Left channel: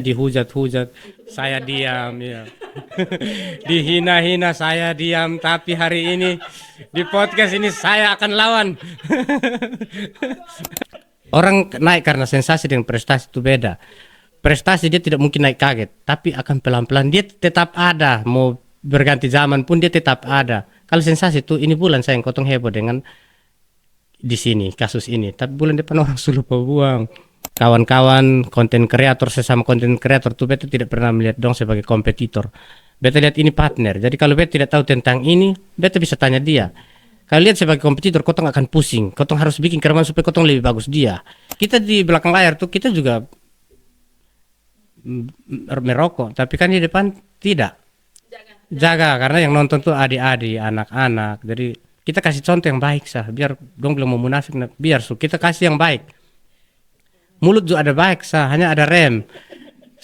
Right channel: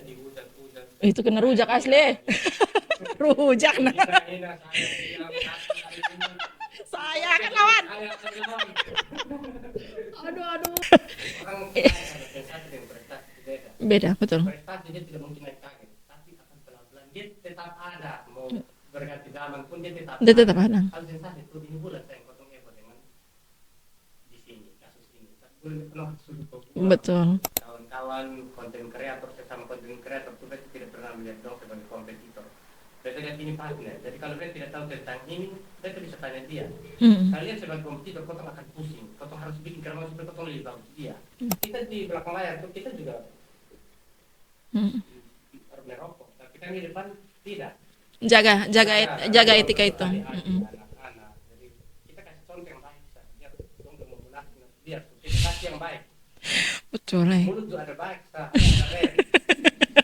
dihujat-hujat, Itu kena saya rujak asli. diam ya. Rujak. Dihina-hina saya diam, tapi hari ini di podcast ini saya akan lawan. Orang naik karena sensasi dengan prestasi itu beda. Beda, betul. Prestasi dia tidak mungkin naik kaget, tapi akan pelan-pelan dia tetap ada. Mau berganti zaman pun dia tetap Dia tetap ada. ada. Kalau sensasi itu ini bulan saya yang kotong heboh dengan di sini kasus ini, tapi bulan depan orang sudah buang. Betul. Kawan-kawan konten kreator, sesama konten kreator tuh beta tidak pernah melihat dong sebagai kompetitor. Beta lihat ini partner. Jadi kalau beta tidak tahu tentang ini, beta bisa tanya dia. Kalau lihat sebagai kompetitor, kotong akan pusing. Kotong harus bikin keraman supaya kotong lebih bagus dia. Kita di belakang layar tuh kita juga merokok, tapi kan di depan tidak. Jaga Karena yang nonton etika tuh itu. adik-adik, anak-anak. Jadi kita kasih contoh yang baik sah. Biar dong belum mau munafik, biar kita kasih yang baik. Betul. Mulut juga ada baik sah, hanya ada rem.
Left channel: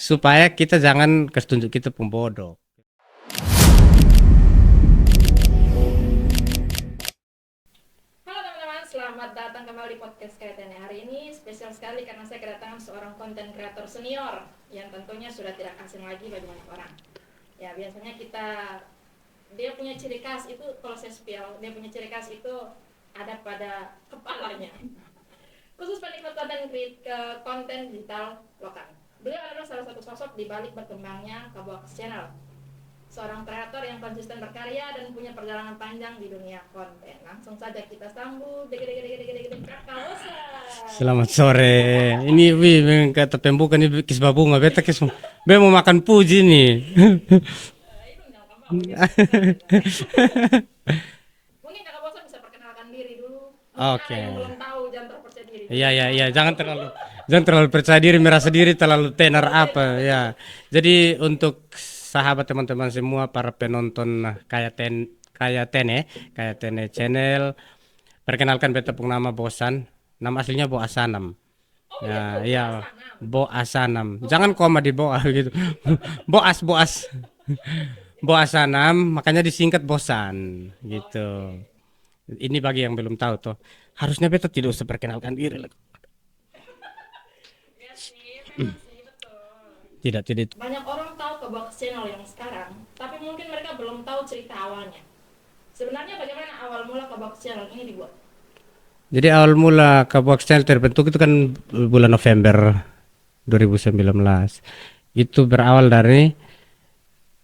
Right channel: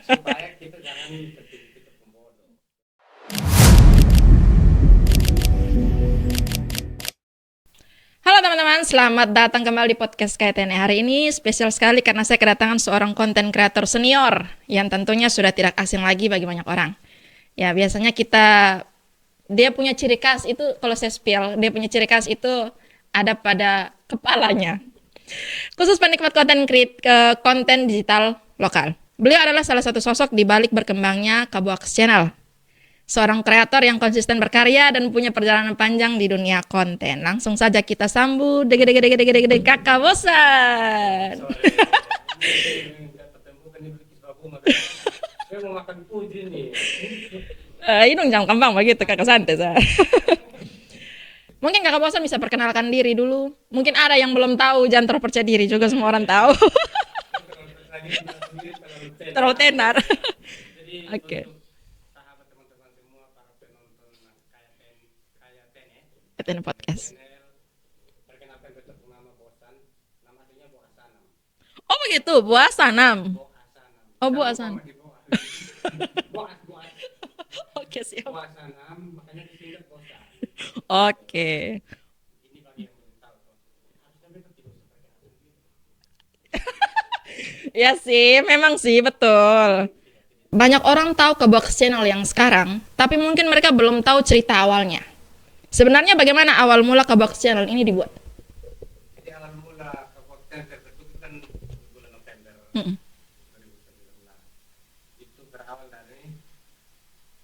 Supaya kita jangan kesetunjuk kita pembodoh. Halo teman-teman, selamat datang kembali di podcast KTN. Hari ini spesial sekali karena saya kedatangan seorang konten kreator senior yang tentunya sudah tidak asing lagi bagi banyak orang. Ya, biasanya dia punya ciri khas itu, kalau saya spill, dia punya ciri khas itu ada pada kepalanya. Khusus penikmat konten digital lokal. Beliau adalah salah satu sosok di balik berkembangnya Kaboaks Channel. Seorang kreator yang konsisten berkarya dan punya perjalanan panjang di dunia konten. Langsung saja kita sambut Kakak Bosan. Selamat sore. Ini kata pembuka ini kisah bunga. Beta mau makan puji nih. Ini jam kembang begitu Kakak santai. Mungkin Kakak Bosan bisa perkenalkan diri dulu. Mungkin ada yang belum tahu, jangan terlalu percaya diri juga, semua orang tahu. Jangan terlalu percaya diri, merasa diri terlalu tenar apa ya. Jadi untuk sahabat teman-teman semua, para penonton Tene channel, perkenalkan beta pung nama Bosan. Nama aslinya Bo Asanam. Oh begitu, Bo Asanam. Bo Asanam. Oh, Jangan Bo Asanam. koma di Boa gitu. Boas. Oke, siap. Bo Asanam, makanya disingkat Bosan. Gitu. Oke. Ini bagi yang belum tahu tuh. Harusnya beta tidak usah perkenalkan diri. Ya sih, memang sih, betul. Tidak. Banyak orang tahu Kaboaks Channel yang sekarang, tapi mungkin mereka belum tahu cerita awalnya. Sebenarnya bagaimana awal mula Kaboaks Channel ini dibuat? Jadi awal mula Kaboaks Channel terbentuk itu kan bulan November 2019. Itu berawal dari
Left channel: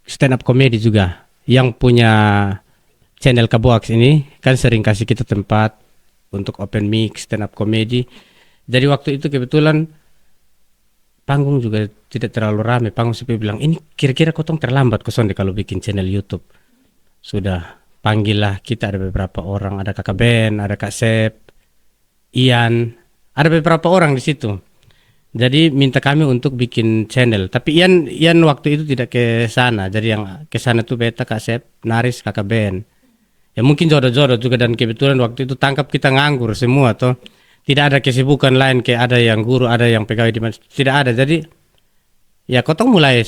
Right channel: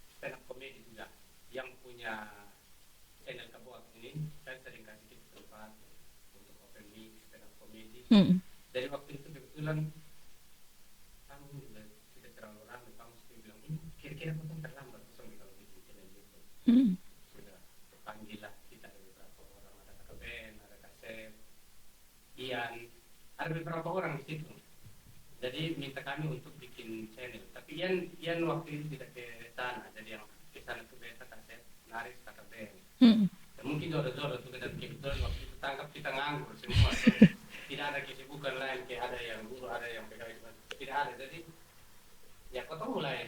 stand up comedy juga. Yang punya channel Kaboaks ini kan sering kasih kita tempat untuk open mic stand up comedy. Jadi waktu itu kebetulan panggung juga tidak terlalu ramai. Panggung sampai bilang, ini kira-kira kotong terlambat kosong deh kalau bikin channel YouTube. Sudah panggillah kita, ada beberapa orang, ada kakak Ben, ada kak Sep, Ian, ada beberapa orang di situ. Jadi minta kami untuk bikin channel. Tapi Ian waktu itu tidak ke sana. Jadi yang ke sana tuh beta, kak Sep, Naris, kakak Ben. Ya mungkin jodoh-jodoh juga, dan kebetulan waktu itu tangkap kita nganggur semua toh. Tidak ada kesibukan lain, kayak ada yang guru, ada yang pegawai di mana, tidak ada. Jadi ya kotong mulai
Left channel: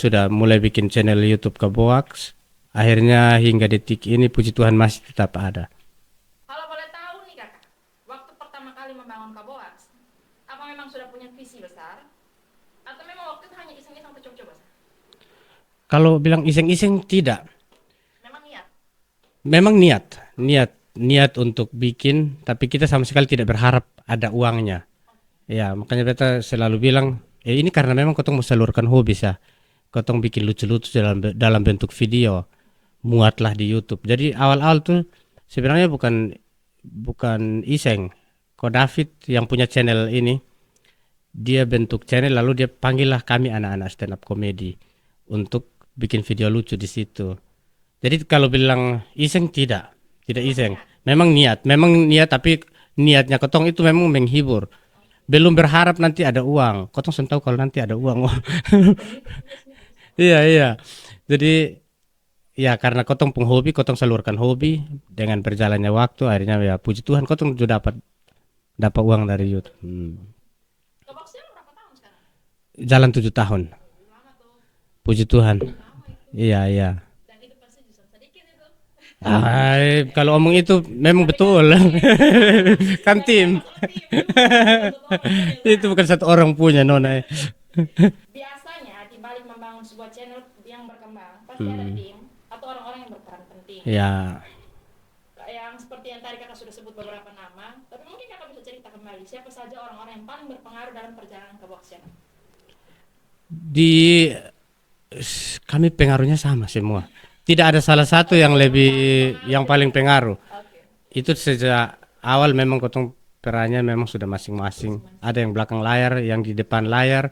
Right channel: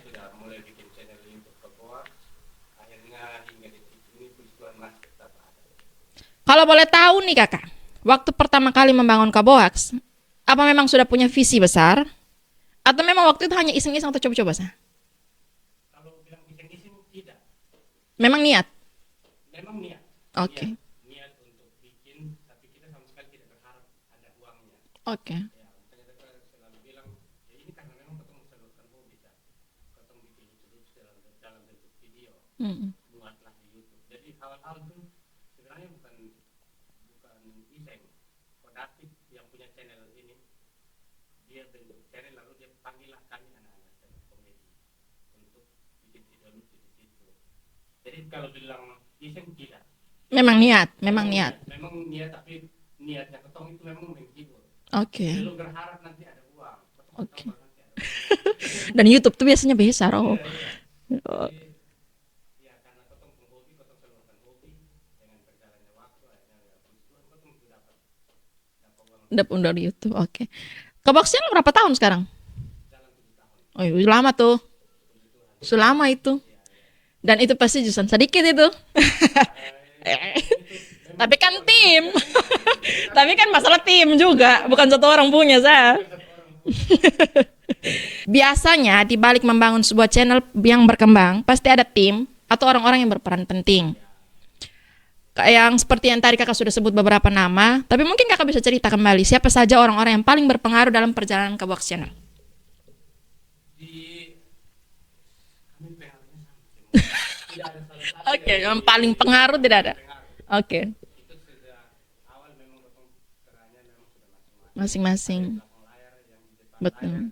bikin channel YouTube Kaboaks. Akhirnya hingga detik ini puji Tuhan masih tetap ada. Kalau boleh tahu nih kakak, waktu pertama kali membangun Kaboaks, apa memang sudah punya visi besar? Atau memang waktu itu hanya iseng-iseng atau coba-coba sah? Kalau bilang iseng-iseng tidak. Memang niat? Memang niat. Oke. Niat untuk bikin, tapi kita sama sekali tidak berharap ada uangnya. Oke. Ya, makanya beta selalu bilang, ini karena memang kotong mau salurkan hobi sah. Kotong bikin lucu-lucu dalam bentuk video, muatlah di YouTube. Jadi awal-awal tuh sebenarnya bukan iseng. Ko David yang punya channel ini, dia bentuk channel lalu dia panggillah kami anak-anak stand up comedy untuk bikin video lucu di situ. Jadi kalau bilang iseng tidak Memang iseng. niat. Memang niat, tapi niatnya kotong itu memang menghibur. Oke. Belum berharap nanti ada uang. Kotong sudah tahu kalau nanti ada uang. Dan YouTube tuh biasanya besar. Iya. Jadi ya karena kotong penghobi, kotong salurkan hobi dengan berjalannya waktu. Akhirnya ya puji Tuhan kotong sudah dapat uang dari YouTube. Oke. Kaboaks Channel berapa tahun sekarang? Jalan 7 tahun. Oh, lama tuh. Puji Tuhan. Selama itu. Iya. Dan itu pasti justru sedikit itu. Kalau omong itu memang Tapi betul. kan tim. Kan Tapi kan tim. masalah tim juga, bukan satu orang punya, Itu Sa. bukan satu orang punya, Nona. Biasanya di balik membangun sebuah channel yang berkembang, pasti ada tim atau orang-orang yang berperan penting. Ya, Kayak yang seperti yang tadi kakak sudah sebut beberapa nama, tapi mungkin kakak bisa cerita kembali siapa saja orang-orang yang paling berpengaruh dalam perjalanan Kabox Channel. kami pengaruhnya sama semua. Tidak ada salah satu yang Oke, yang lebih paling pengaruh yang tidak paling ada. pengaruh. Oke. Itu sejak awal memang kotong perannya memang sudah masing-masing. Masing-masing. Ada yang belakang layar, yang di depan layar.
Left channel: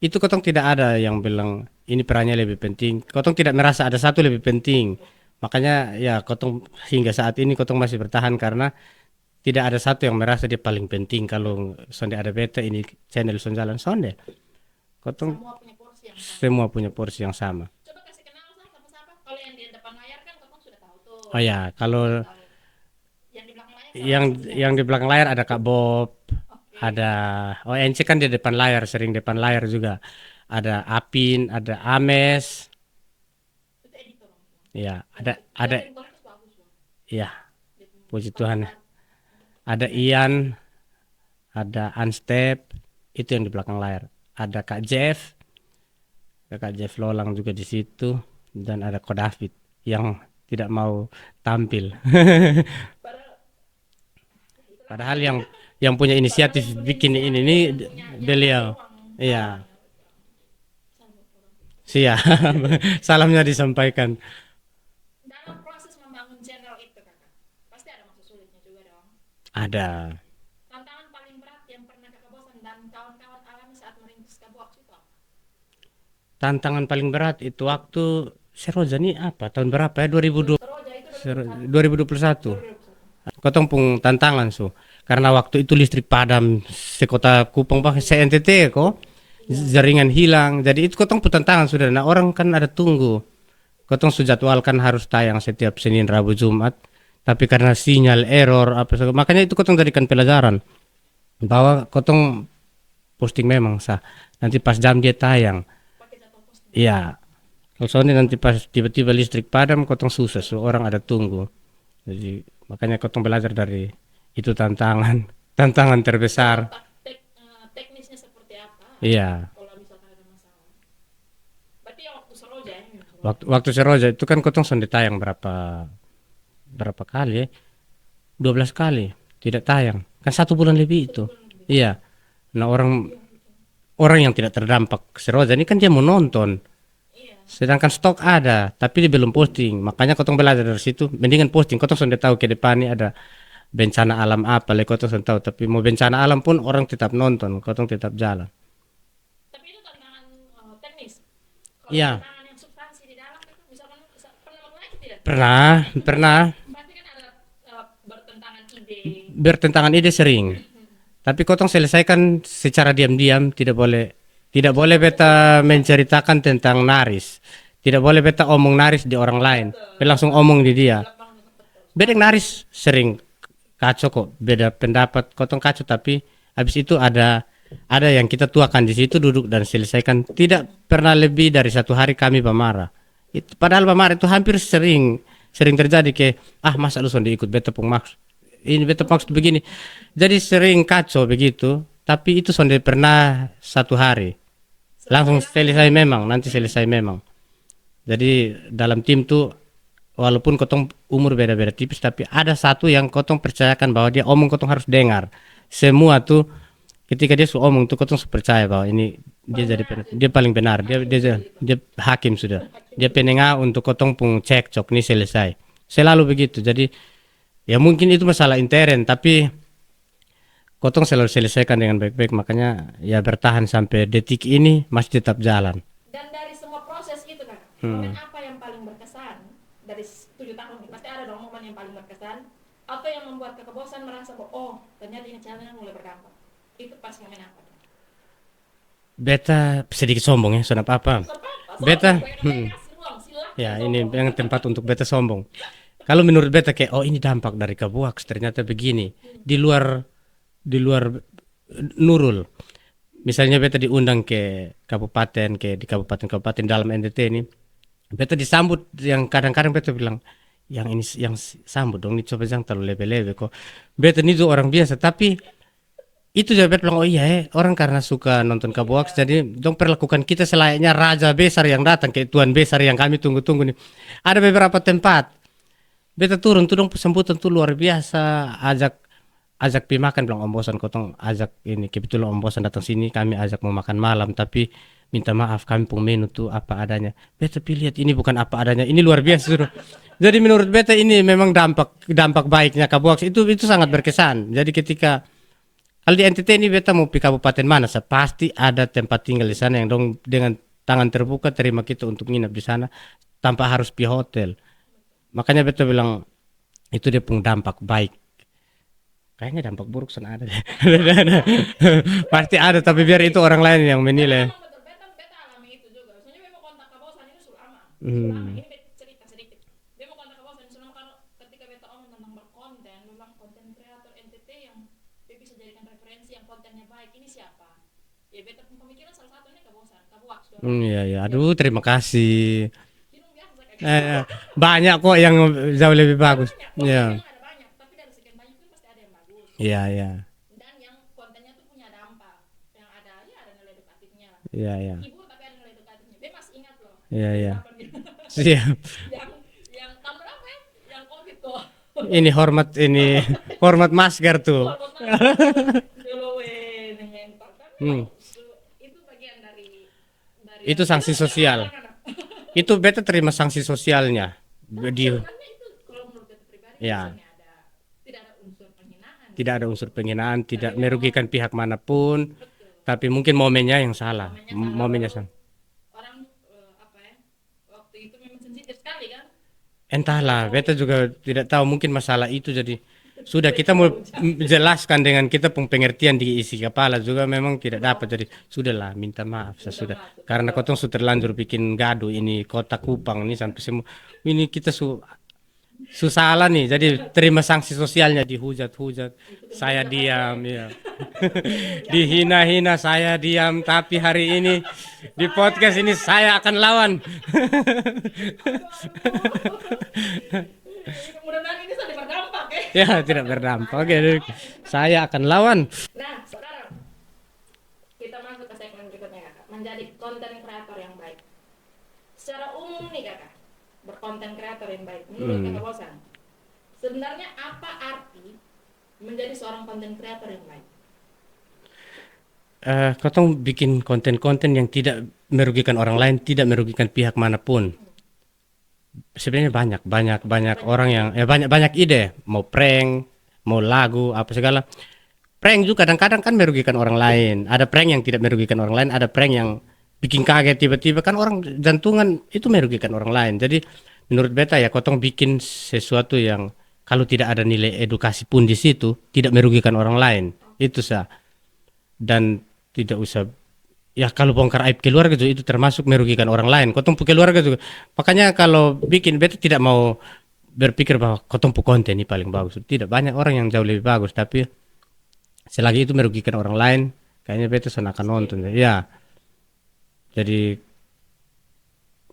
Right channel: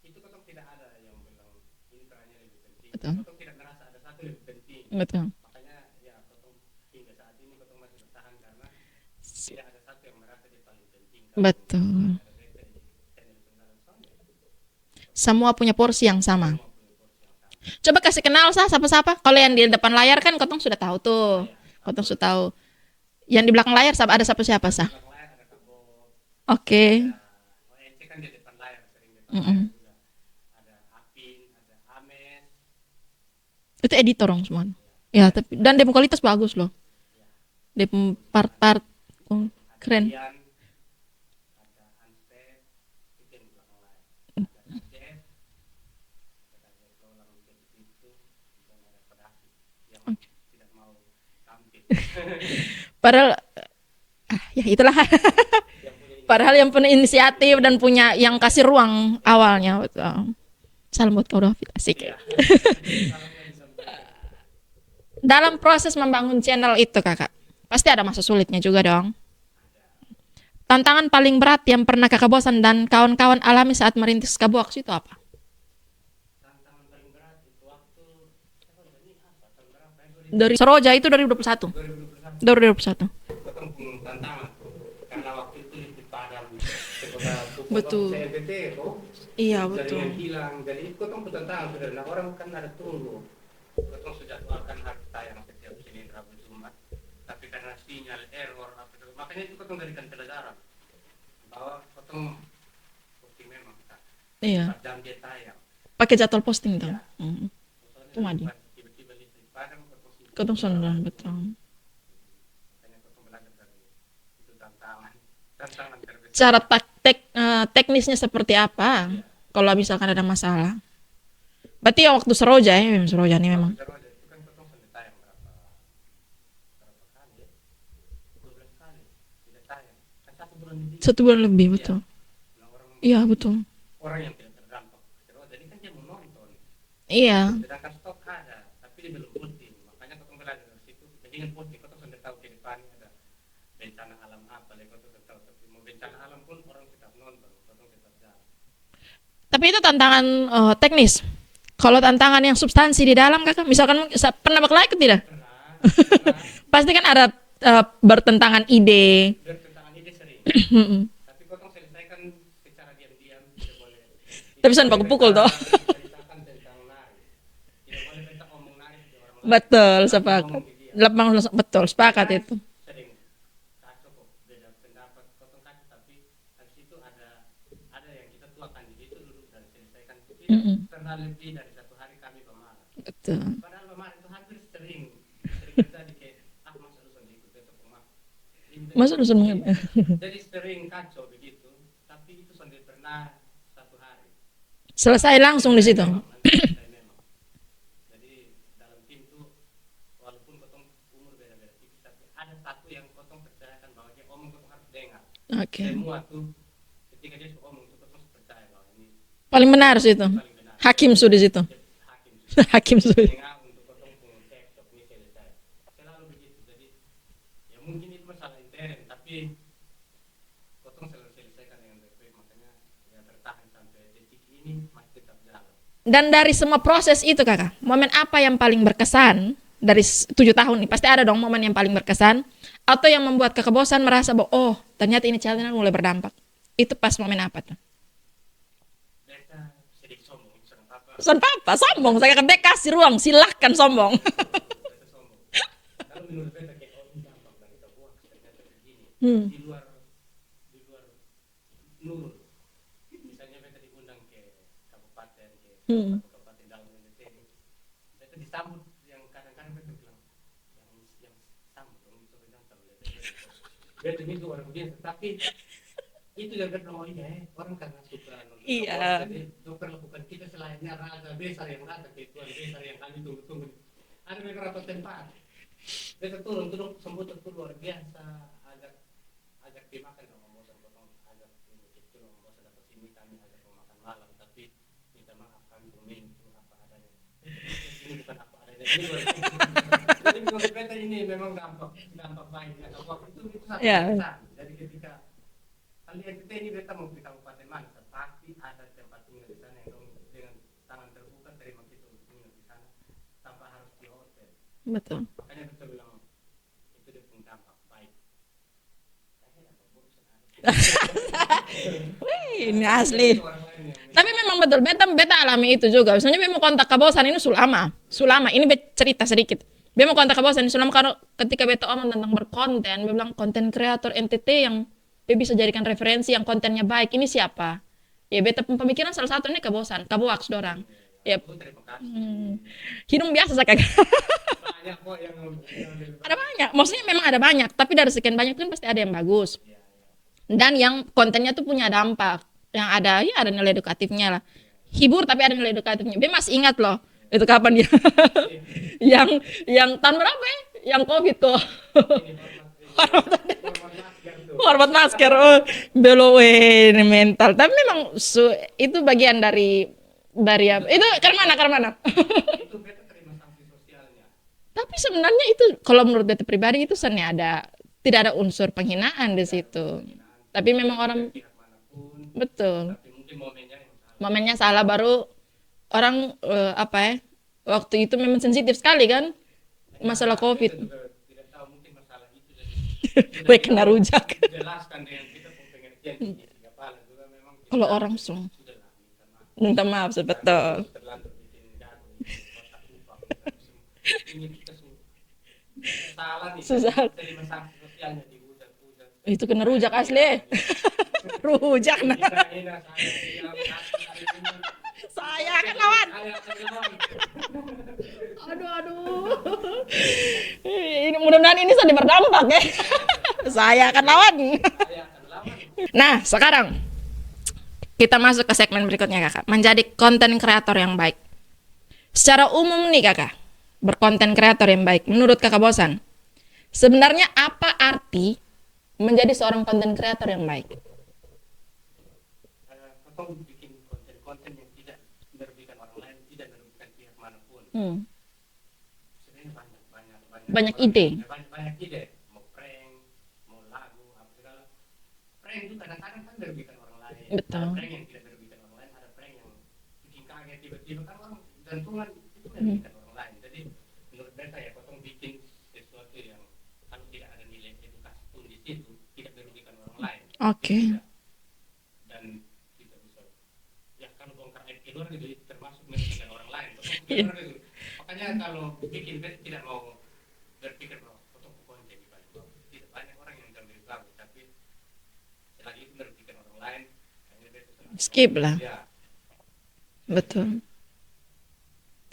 Itu kotong tidak ada yang bilang ini perannya lebih penting. Kotong tidak merasa ada satu lebih penting. Betul. Makanya ya kotong hingga saat ini kotong masih bertahan karena tidak ada satu yang merasa dia paling penting. Kalau Betul. sonde ada beta ini channel son jalan sonde. Kotong Semua punya porsi yang sama. semua punya porsi yang sama. Coba kasih kenal siapa-siapa. Kalau yang di depan layar kan kotong sudah tahu tuh. Oh ya, kalau Kotong sudah tahu. Yang di belakang layar ada siapa-siapa? yang di Sa? belakang layar ada Kak Bob, Oke. ada ONC kan di depan layar, sering depan layar juga. Ada Apin, ada Ames, Itu editor dong semua. ya. Ya, ada, tapi, dan demo kualitas bagus loh. ya, Demo Puji Tuhan. part-part. Oh, ada keren. Ian, ada Unstep, itu yang di belakang layar. Ada Kak Jeff Lolang juga di situ, dan ada Ko David yang tidak mau tampil. Padahal ya itulah. Padahal yang punya inisiatif, Padahal yang punya bikin inisiatif ini, dan punya yang beliau. kasih ruang Iya. awalnya. Betul. Salam buat kau David. Asik. Iya. Salamnya disampaikan. Dalam proses membangun channel itu kakak, pasti ada masa sulitnya juga dong. Ada. Tantangan paling berat yang pernah kakak Bosan dan kawan-kawan alami saat merintis Kabox itu apa? Tantangan paling berat itu waktu Seroja nih apa? Tahun berapa ya? 2020. Seroja itu 2021. 2021. 2021. Kotong pun tantangan karena waktu itu listrik padam di kota Kupang bah se-NTT kok. Iya. Jaringan hilang. Jadi itu kotong pun tantangan sudah. Nah, orang kan ada tunggu. Kotong sejadwalkan harus tayang setiap Senin, Rabu, Jumat. Tapi karena sinyal error makanya itu kotong jadikan pelajaran bahwa kotong posting memang sah. Nanti Iya. pas jam dia tayang. Pakai jadwal posting. Iya. Soalnya nanti pas tiba-tiba listrik padam kotong susah, Kotong orang sama, ada betul. tunggu. Jadi makanya kotong belajar dari itu tantangan Cara terbesar. teknisnya seperti apa? Iya. Kalau misalkan ada masalah. Berarti ya waktu Seroja ya, memang Seroja nih. Waktu Seroja itu kan kotong sonde tayang berapa kali ya? 12 kali tidak tayang. Kan 1 bulan lebih Satu itu. bulan lebih. Iya. Betul. Nah, Iya betul. orang yang tidak terdampak Seroja ini kan dia mau nonton. Iya. Sedangkan stok ada, tapi dia belum posting. Makanya kotong belajar dari situ. Mendingan posting. Kotong sudah tahu ke depan ini ada bencana alam apa. Kotong sudah tahu. Tapi mau bencana alam pun orang tetap nonton. Kotong tetap jalan. Tapi itu tantangan teknis. Kalau Iya. tantangan yang substansi di dalam kakak, misalkan pernah berkelahi tidak? Pernah Pasti kan ada bertentangan ide. bertentangan ide sering. Tapi kotong selesaikan secara diam-diam. Tidak boleh Bisa beta pukul-pukul, menceritakan tentang naris. Tidak boleh beta omong naris di orang lain. Betul, Dia langsung sebab- omong di dia. Betul. Beda Sepakat naris itu. sering kacau kok, beda pendapat, kotong kacau, tapi habis itu ada yang kita tuakan di situ, duduk dan selesaikan. Tidak pernah lebih dari 1 hari kami pemarah. Betul. Padahal pemarah itu hampir sering terjadi ke masa lu sonde ikut beta pung maksud. Ini beta Masa maksud bisa- begini. Jadi sering kacau begitu, tapi itu sonde pernah 1 hari. Selesai langsung di selesai situ. memang, nanti selesai memang. Jadi dalam tim tuh walaupun kotong umur beda-beda tipis, tapi ada satu yang kotong percayakan bahwa dia omong kotong harus dengar. Oke. Semua tuh ketika dia omong tuh kotong percaya bahwa ini Paling dia benar sih itu. Dia paling benar. Hakim sudah situ. Dia hakim sudah. Hakim dia sudah. penengah untuk kotong pung cekcok ini selesai. Selalu begitu. Jadi ya mungkin itu masalah intern, tapi kotong selalu selesaikan dengan baik-baik. Makanya ya bertahan sampai detik ini masih tetap jalan. Dan dari semua proses itu kakak, momen apa yang paling berkesan dari 7 tahun ini? Pasti ada dong momen yang paling berkesan. Atau yang membuat kakak bosan merasa bahwa oh ternyata ini channel mulai berdampak. Itu pas momen apa tuh? Beta sedikit sombong ya, sonap apa? Apa? Beta- Sombong. Saya kata kasih ruang, silahkan Ya, sombong. ini yang tempat untuk beta sombong. Kalau menurut beta kayak ini dampak dari Kabuaks ternyata begini. Di luar Nurul. Misalnya beta diundang ke kabupaten di kabupaten-kabupaten dalam NTT ini. beta disambut yang kadang-kadang beta bilang yang ini yang sambut dong, ini coba jangan terlalu lebe-lebe kok. Beta ini tuh orang biasa, tapi itu juga beta bilang oh iya orang karena suka nonton Kabox jadi dong perlakukan kita selayaknya raja besar yang datang kayak tuan besar yang kami tunggu-tunggu nih. Ada beberapa tempat beta turun tuh dong sambutan tuh luar biasa, ajak pi makan bilang om bosan kotong ajak ini kebetulan om bosan datang sini kami ajak mau makan malam tapi minta maaf kami pun menu tuh apa adanya. Beta lihat ini bukan apa adanya, ini luar biasa sudah. Jadi menurut beta ini memang dampak baiknya Kabox itu sangat berkesan. Jadi ketika kalau di NTT ini beta mau pi kabupaten mana, pasti ada tempat tinggal di sana yang dong dengan tangan terbuka terima kita untuk nginap di sana tanpa harus pi hotel. Betul. Makanya beta bilang itu dia pun dampak baik. Kayaknya dampak buruk sana ada deh. Pasti ada tapi biar itu orang lain yang Tapi menilai. memang betul, beta alami itu juga. Misalnya beta mau kontak Kabosan ini sulama. Ini beta cerita sedikit. Beta mau kontak Kabosan ini sulama karena ketika beta omong tentang berkonten, beta bilang konten kreator NTT yang beta bisa jadikan referensi yang kontennya baik. Ini siapa? Ya beta pemikiran salah satu ini Kabox dorang. Iya. Aduh, terima kasih. Hidung biasa saya kayak. Banyak kok yang jauh lebih bagus. Banyak. Maksudnya memang ada banyak, tapi dari sekian banyak kan pasti ada yang bagus. Iya. Dan yang kontennya tuh punya dampak. Yang ada nilai edukatifnya lah. Iya. Hibur tapi ada nilai edukatifnya. Dia masih ingat loh. Iya, itu kapan dia? Iya. yang tahun berapa ya? Yang COVID tuh. Ini hormat masker tuh. Hormat masker. Belum ini mental. Tapi memang itu bagian dari itu sanksi itu sosial. Karena mana? Itu beta terima sanksi sosialnya. Tapi sebenarnya itu kalau menurut beta pribadi itu sebenarnya tidak ada unsur penghinaan di situ. Tidak ada unsur penghinaan, tidak Tapi merugikan pihak manapun. Betul. Tapi mungkin momennya yang salah. Momennya salah baru orang waktu itu memang sensitif sekali kan. Entahlah, beta juga tidak tahu mungkin masalah itu jadi sudah kita mau jelaskan dengan kita pun pengertian di isi kepala juga memang tidak dapat jadi sudahlah minta maaf. Karena potong sudah terlanjur bikin gaduh ini kota Kupang ini sampai semua ini kita salah nih jadi terima sanksi sosialnya dihujat itu kena saya diam ya. Dihina-hina saya diam tapi hari ini di podcast ini saya akan lawan. Ini mudah-mudahan ini sudah berdampak ya. Ya tidak berdampak. Saya akan lawan. Nah sekarang kita masuk ke segmen berikutnya kakak. Menjadi konten kreator yang baik. Secara umum nih kakak, berkonten kreator yang baik. Menurut kakak Bosan, sebenarnya apa arti menjadi seorang konten kreator yang baik? Kau bikin konten-konten yang tidak merugikan orang lain, tidak merugikan pihak manapun. Sebenarnya banyak orang ide. yang banyak ide, mau prank, mau lagu, apa segala. Prank juga kadang-kadang kan merugikan orang lain. Ada prank yang tidak merugikan orang lain, ada prank yang bikin kaget tiba-tiba kan orang jantungan itu merugikan orang lain. Jadi menurut beta ya kotong bikin sesuatu yang kalau tidak ada nilai edukasi pun di situ tidak merugikan orang lain. Itu sah. Dan tidak usah ya kalau bongkar aib keluarga juga itu termasuk merugikan orang lain. Kotong pu keluarga juga. Makanya kalau bikin beta tidak mau berpikir bahwa kotong pu konten ini paling bagus. Tidak, banyak orang yang jauh lebih bagus tapi selagi itu merugikan orang lain kayaknya beta akan nonton. Ya. Jadi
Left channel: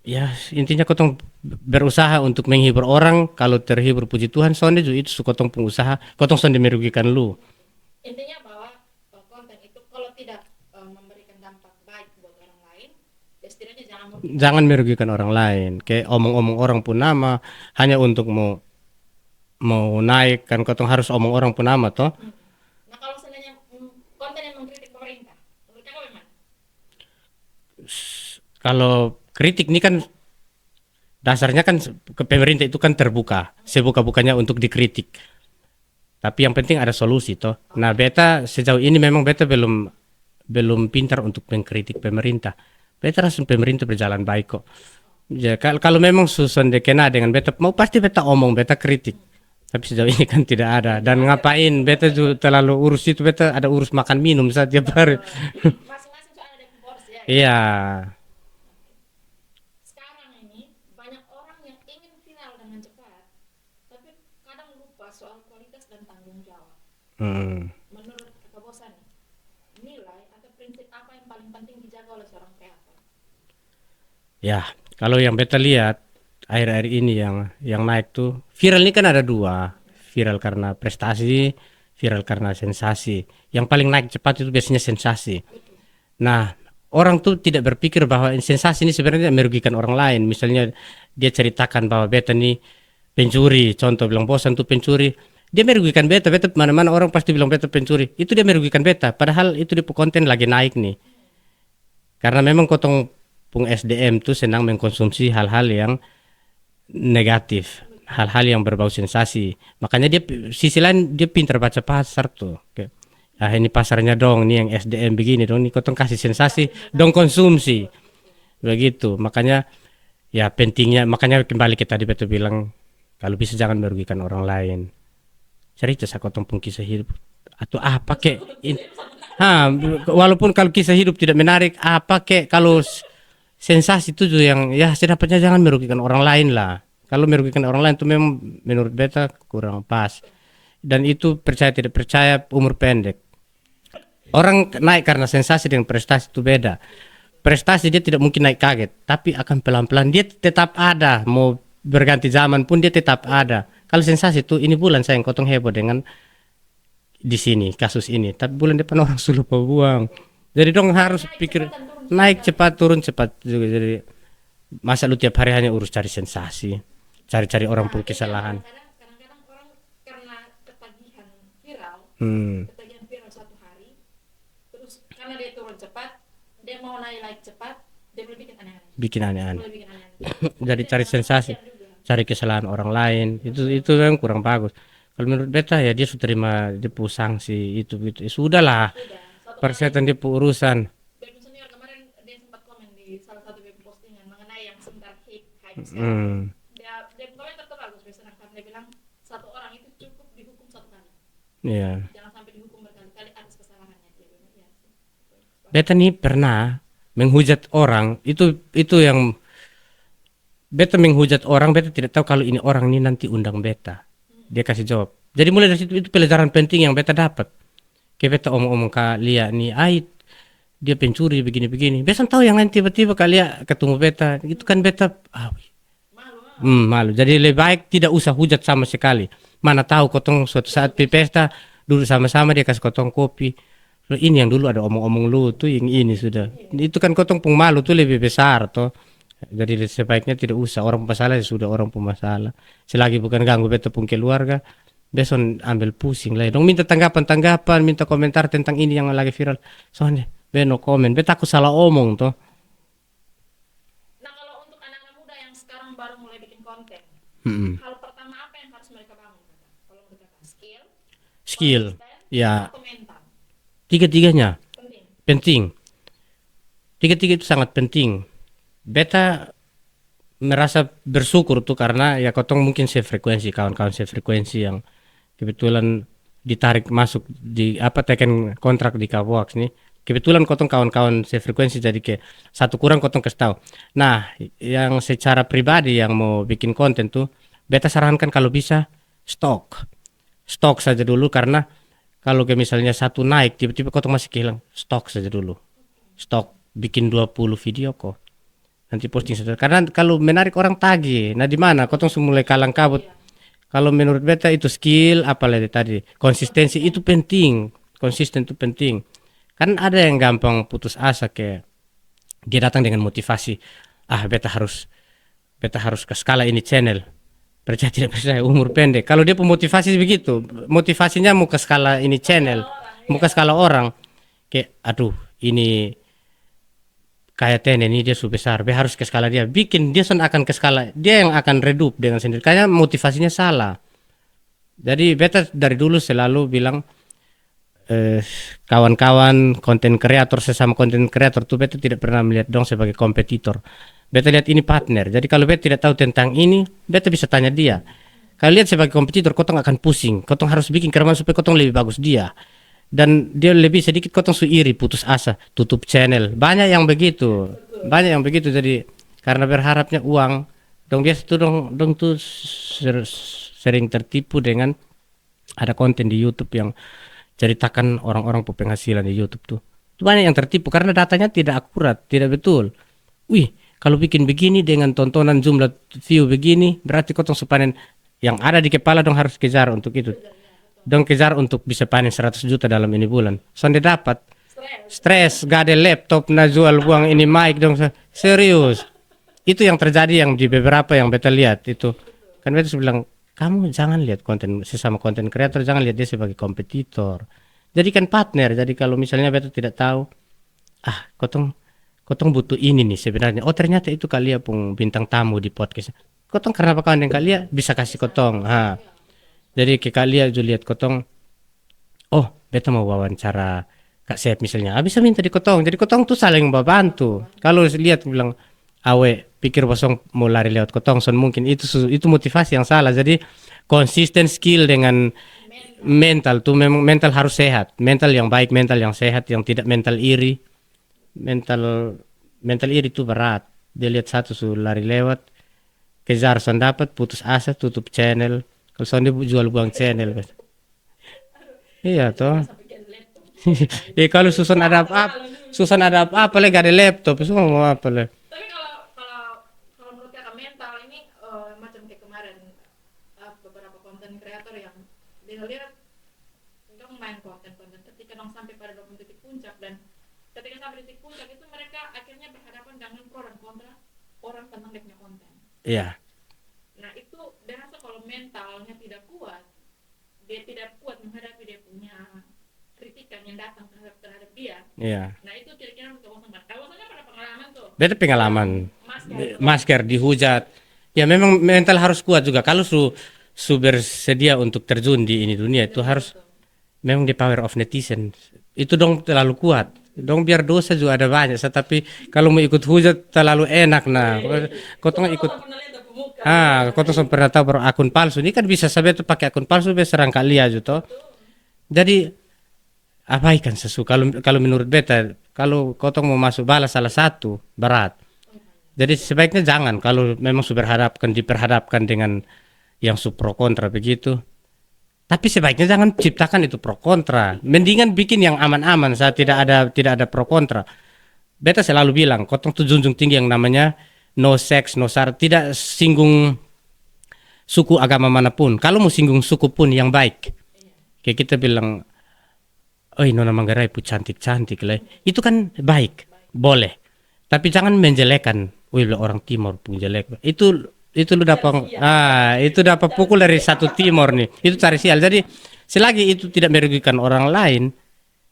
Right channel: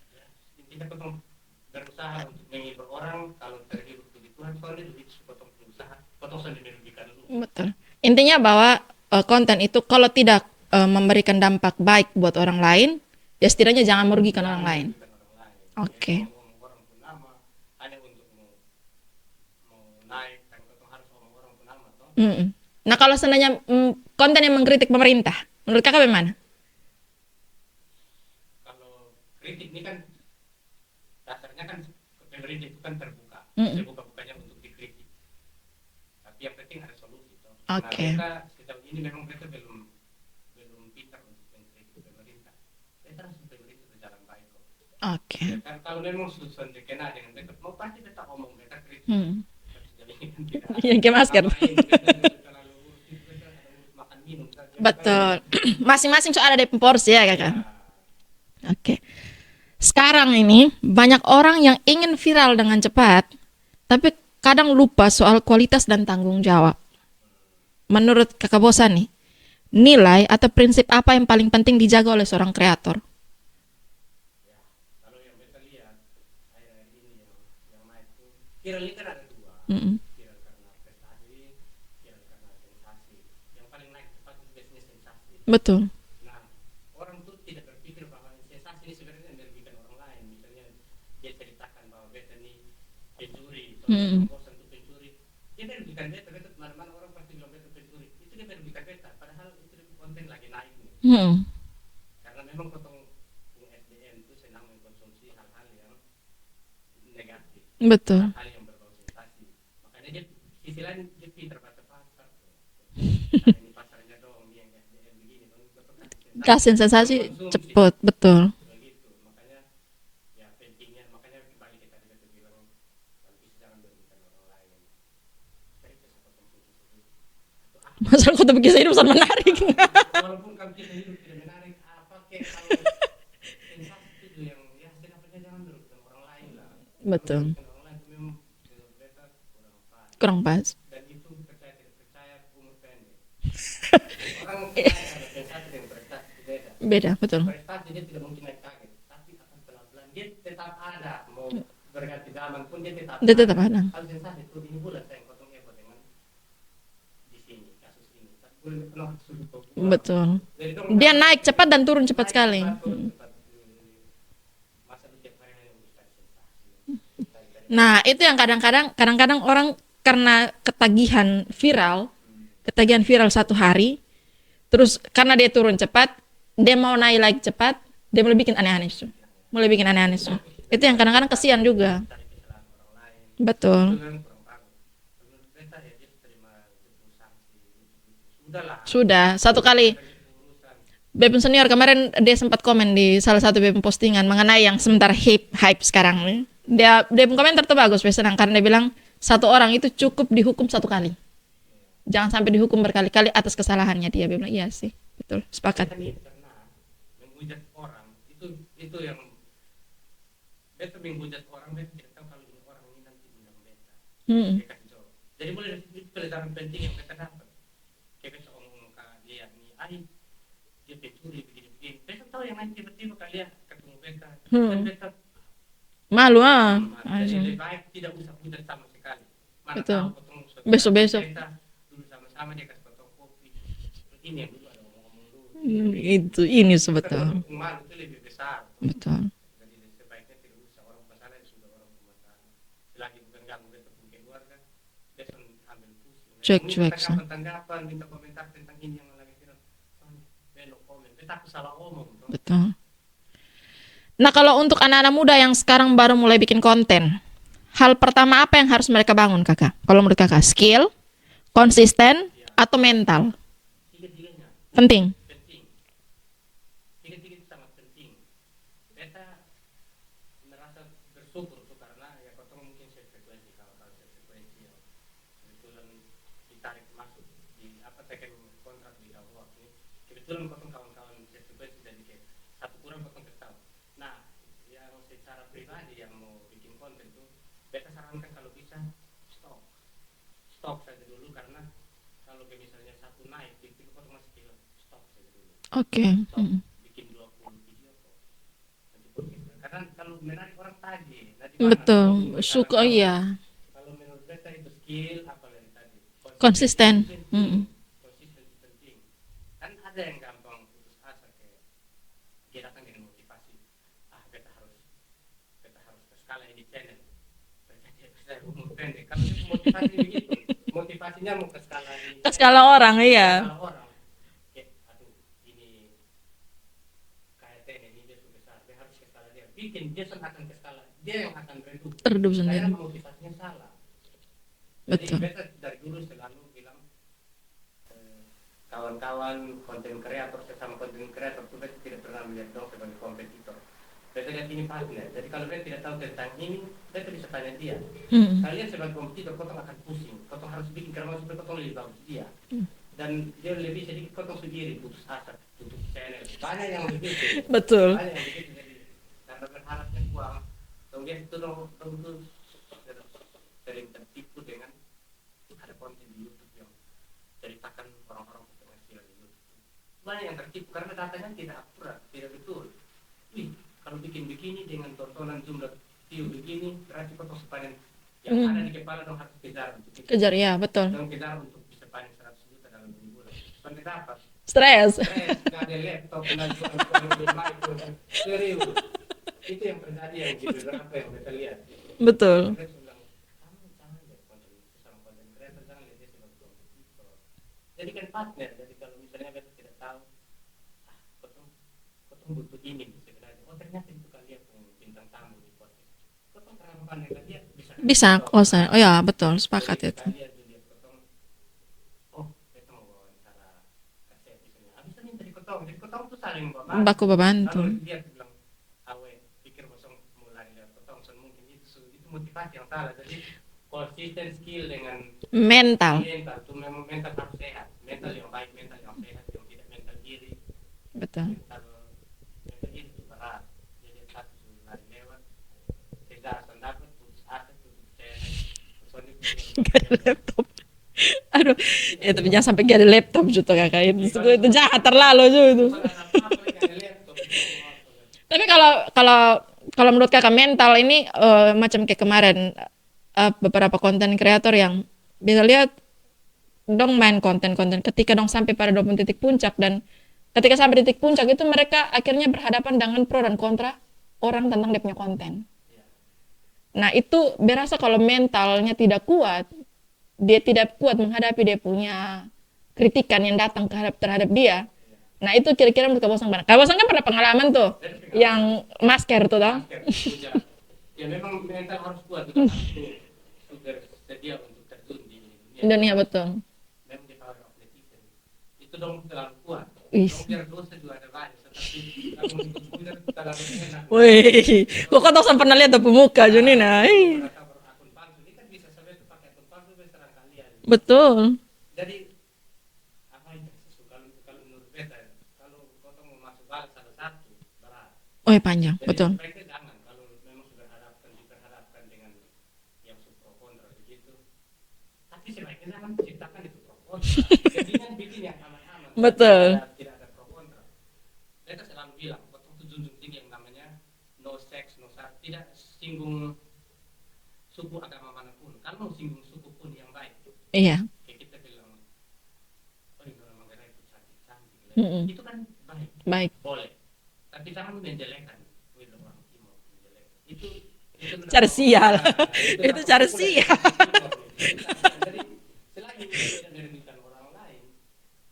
ya intinya kotong berusaha untuk menghibur orang, kalau terhibur puji Tuhan sonde juga itu kotong pengusaha, kotong sonde merugikan lu. Betul. Intinya bahwa konten itu kalau tidak memberikan dampak baik buat orang lain, ya setidaknya jangan merugikan orang lain. Kayak omong-omong orang pun nama hanya untuk mau naik kan kotong harus omong orang pun nama toh. Nah kalau seandainya konten yang mengkritik pemerintah, menurut kakak bagaimana? Kalau kritik ini kan dasarnya kan ke pemerintah itu kan terbuka, sebuka-bukanya untuk dikritik. Tapi yang penting ada solusi toh. Nah beta sejauh ini memang beta belum pintar untuk mengkritik pemerintah. Beta rasa pemerintah berjalan baik kok. Ya kalau memang susun dekena dengan beta mau pasti beta omong beta kritik. Tapi sejauh ini kan tidak ada. Dan ngapain beta juga terlalu urus itu, beta ada urus makan minum setiap hari. Masing-masing soal ada porsi ya kan? Iya. Oke. Sekarang ini banyak orang yang ingin viral dengan cepat, tapi kadang lupa soal kualitas dan tanggung jawab. Menurut kakak Bosan nih, nilai atau prinsip apa yang paling penting dijaga oleh seorang kreator? Ya, Kalau yang beta lihat akhir-akhir ini yang naik tuh viral ini kan ada dua, viral karena prestasi, viral karena sensasi. Yang paling naik cepat itu biasanya sensasi. Betul. Nah, orang tuh tidak berpikir bahwa sensasi ini sebenarnya merugikan orang lain. Misalnya dia ceritakan bahwa beta nih pencuri, contoh bilang bosan tuh pencuri. Dia merugikan beta, beta mana-mana orang pasti bilang beta pencuri. Itu dia merugikan beta, padahal itu di konten lagi naik nih. Karena memang kotong pung SDM tuh senang mengkonsumsi hal-hal yang negatif, Betul. hal-hal yang berbau sensasi. Makanya dia sisi lain dia pintar baca pasar tuh. Kayak, ini pasarnya dong, nih yang SDM begini dong, nih kotong kasih sensasi, dong konsumsi. Cepet, betul. Begitu. Makanya ya pentingnya, makanya kembali kita tadi betul bilang kalau bisa jangan merugikan orang lain. Cerita saya kotong pun kisah hidup atau apa Masa kek. aku tuh kisah hidup sangat menarik. Walaupun kalau kisah hidup tidak menarik, apa kek kalau sensasi itu tuh yang ya sedapatnya jangan merugikan orang lain lah. Kalau merugikan orang lain itu memang menurut beta kurang pas. Kurang pas. Dan itu percaya tidak percaya umur pendek. Orang naik karena sensasi dengan prestasi itu beda. Beda, betul. Prestasi dia tidak mungkin naik kaget, tapi akan pelan-pelan dia tetap ada. Mau berganti zaman pun dia tetap Dia ada. tetap ada. Kalau sensasi itu ini bulan saya yang kotong heboh dengan di sini kasus ini, tapi bulan depan orang sudah buang. Betul. Jadi dong Dia harus naik pikir, cepat dan turun cepat naik sekali. cepat turun cepat juga. Jadi masa lu tiap hari hanya urus cari sensasi, cari-cari orang. Nah, punya itu yang kesalahan. kadang-kadang orang karena ketagihan viral, ketagihan viral satu hari, terus karena dia turun cepat, dia mau naik lagi cepat, dia mulai bikin aneh-aneh. Bikin aneh-aneh. Mulai bikin aneh-aneh. Jadi Itu yang cari kadang-kadang sensasi, kasihan juga. cari kesalahan orang lain. Betul. Itu memang kurang bagus. Kalau menurut beta ya dia sudah terima dia sanksi itu gitu. Ya, sudahlah. Sudah satu Bukan kali setan dia urusan. Bepun senior kemarin dia sempat komen di salah satu Bepun postingan mengenai yang sementara hype sekarang nih. Dia pun komentar tuh bagus, senang karena dia bilang satu orang itu cukup dihukum satu kali. Iya. Jangan sampai dihukum berkali-kali atas kesalahannya dia. Dia bilang iya sih, betul. Sepakat. Beta nih pernah menghujat orang itu yang beta menghujat orang, beta tidak tahu kalau ini orang ini nanti undang beta. Dia kasih jawab. Jadi mulai dari situ itu pelajaran penting yang beta dapat. Kayak beta omong-omong ke Lia nih, dia pencuri begini-begini. Beta tahu yang lain tiba-tiba Lia ketemu beta, itu kan beta Malu malu. Jadi lebih baik tidak usah hujat sama sekali. Mana tahu kotong suatu saat di Besok-besok. pesta duduk sama-sama dia kasih kotong kopi. Loh, ini yang dulu ada omong-omong lu tuh yang ini itu, sudah. ini Itu kan betul. kotong pung malu tuh lebih besar toh. Betul. Jadi sebaiknya tidak usah orang masalah ya sudah orang masalah. Selagi bukan ganggu beta pun keluarga, besok ambil pusing lah. Cuek, Dong minta cuek, tanggapan, minta komentar tentang ini yang lagi viral. Soalnya beno komen, beta aku salah omong toh. Betul. Nah, kalau untuk anak-anak muda yang sekarang baru mulai bikin konten, hal pertama apa yang harus mereka bangun, Kakak? Kalau menurut Kakak, skill, konsisten, ya. atau mental? Tiga-tiganya Penting. penting. Tiga-tiga itu sangat penting. Beta merasa bersyukur tuh karena ya kotong mungkin sefrekuensi, kawan-kawan sefrekuensi yang kebetulan ditarik masuk di teken kontrak di Kawoaks nih. Kebetulan kotong kawan-kawan sefrekuensi jadi ke satu kurang kotong kasih tahu. Nah, yang secara pribadi yang mau bikin konten tuh beta sarankan kalau bisa stok saja dulu, karena kalau ke misalnya satu naik tiba-tiba kotong masih kehilang, stok saja dulu. Oke. Stok, bikin 20 video kok. Nanti posting saja. Karena kalau menarik orang tagih. Nah, di mana Betul. kotong mulai kalang Suka, kabut. iya. Kalau menurut beta itu skill, apalagi tadi konsistensi Konsisten. itu penting. Konsisten itu penting. Kan ada yang gampang putus asa kayak dia datang dengan motivasi. Beta harus ke skala ini channel. Percaya tidak percaya umur pendek. Kalau dia pemotivasi begitu, motivasinya mau ke skala ini channel. Skala orang, Mau iya. ke skala orang. Kayak ini kayak ten ini dia sudah besar, dia harus ke skala dia. Bikin dia akan ke skala dia yang akan redup dengan sendiri. Karena motivasinya salah. Jadi beta dari dulu selalu bilang kawan-kawan konten kreator, sesama konten kreator tuh beta tidak pernah melihat dong sebagai kompetitor. Beta lihat ini partner. Jadi kalau beta tidak tahu tentang ini, beta bisa tanya dia. Kalau lihat sebagai kompetitor, kotong akan pusing. Kotong harus bikin keraman supaya kotong lebih bagus dia. Dan dia lebih sedikit kotong iri, putus asa, tutup channel. Banyak yang begitu. Betul. Banyak yang begitu. Jadi karena berharapnya uang, dong biasa tuh dong tuh sering tertipu dengan ada konten di YouTube yang ceritakan orang-orang penghasilan di YouTube tuh. Itu banyak yang tertipu karena datanya tidak akurat, tidak betul. Wih, kalau bikin begini dengan tontonan jumlah view begini, berarti kotong sepanen yang ada di kepala dong harus kejar untuk itu. Kejar ya, betul. Dong kejar untuk bisa panen 100 juta dalam ini bulan. Sonde dapat. Stres. Stres, gak ada laptop, nah jual buang ini mic dong. Serius. Itu yang terjadi yang di beberapa yang beta lihat itu. Betul. Kan beta bilang, kamu jangan lihat konten sesama konten kreator, jangan lihat dia sebagai kompetitor. Jadikan partner. Jadi kalau misalnya beta tidak tahu, kotong butuh ini nih sebenarnya. Oh ternyata itu Kalia pun bintang tamu di podcast. Kotong karena kawan dengan Kalia bisa kasih Bisa. kotong. Oh ya, betul. Sepakat. Jadi ke Kalia juga lihat kotong. Oh beta mau wawancara Kak Sep misalnya. Bisa minta di kotong. Jadi kotong tuh saling membantu. Baku membantu. Kalau lihat bilang awe pikir bosong mau lari lewat kotong, son mungkin itu motivasi yang salah. Jadi konsisten skill dengan mental tuh memang mental harus sehat, mental yang baik, mental yang sehat, yang tidak mental iri. Betul. Mental iri itu berat. Dia lihat satu lari lewat, kejar son dapat, putus asa, tutup channel. Kalau son dia jual buang channel. Aduh, Iya, tapi jangan sampai gak ada laptop juga kakak ini. Kalau Itu susun jahat ada terlalu juga. Susun ada apa lagi gak ada laptop, semua mau apa lah. Tapi kalau menurut kakak mental ini macam kayak kemarin beberapa konten kreator yang bisa lihat dong main konten-konten ketika dong sampai pada 20 titik puncak, dan ketika sampai titik puncak itu mereka akhirnya berhadapan dengan pro dan kontra orang tentang dia punya konten. Iya. Nah itu berasa kalau mentalnya tidak kuat, dia tidak kuat menghadapi dia punya kritikan yang datang terhadap dia. Iya. Nah itu kira-kira menurut Kak Bosang mana? Kak Bosang kan pernah pengalaman tuh. Beda pengalaman. Yang masker tuh. Masker dihujat. Ya memang mental harus kuat juga. Kalau su bersedia untuk terjun di ini dunia itu harus betul. memang the power of netizen. Itu dong terlalu kuat. Dong biar dosa juga ada banyak. Tapi kalau mau ikut hujat terlalu enak nah. Kok kau pernah lihat tuh pemuka gini nah. Kau pernah tahu baru akun palsu. Ini kan bisa sampai tuh pakai akun palsu bisa serang Kalia juga. Betul. Jadi abaikan sesuatu. Kalau menurut beta, kalau kotong mau masuk balas salah satu berat. Oh ya panjang. Jadi betul. sebaiknya jangan. Kalau memang diperhadapkan dengan yang pro kontra begitu. Tapi sebaiknya jangan ciptakan itu pro kontra. Mendingan bikin yang aman-aman saat tidak ada pro kontra. Beta selalu bilang, kotong tuh junjung tinggi yang namanya no sex, no syarat, tidak singgung suku agama manapun. Kalau mau singgung suku pun yang baik. Iya. Kayak kita bilang, Nona Manggarai pun cantik-cantik lah. Itu kan baik. Boleh. Tapi jangan menjelekan, orang Timur pun jelek. Itu lu dapat itu dapat pukul dari satu Timur nih. Itu cari sial. Jadi selagi itu tidak merugikan orang lain,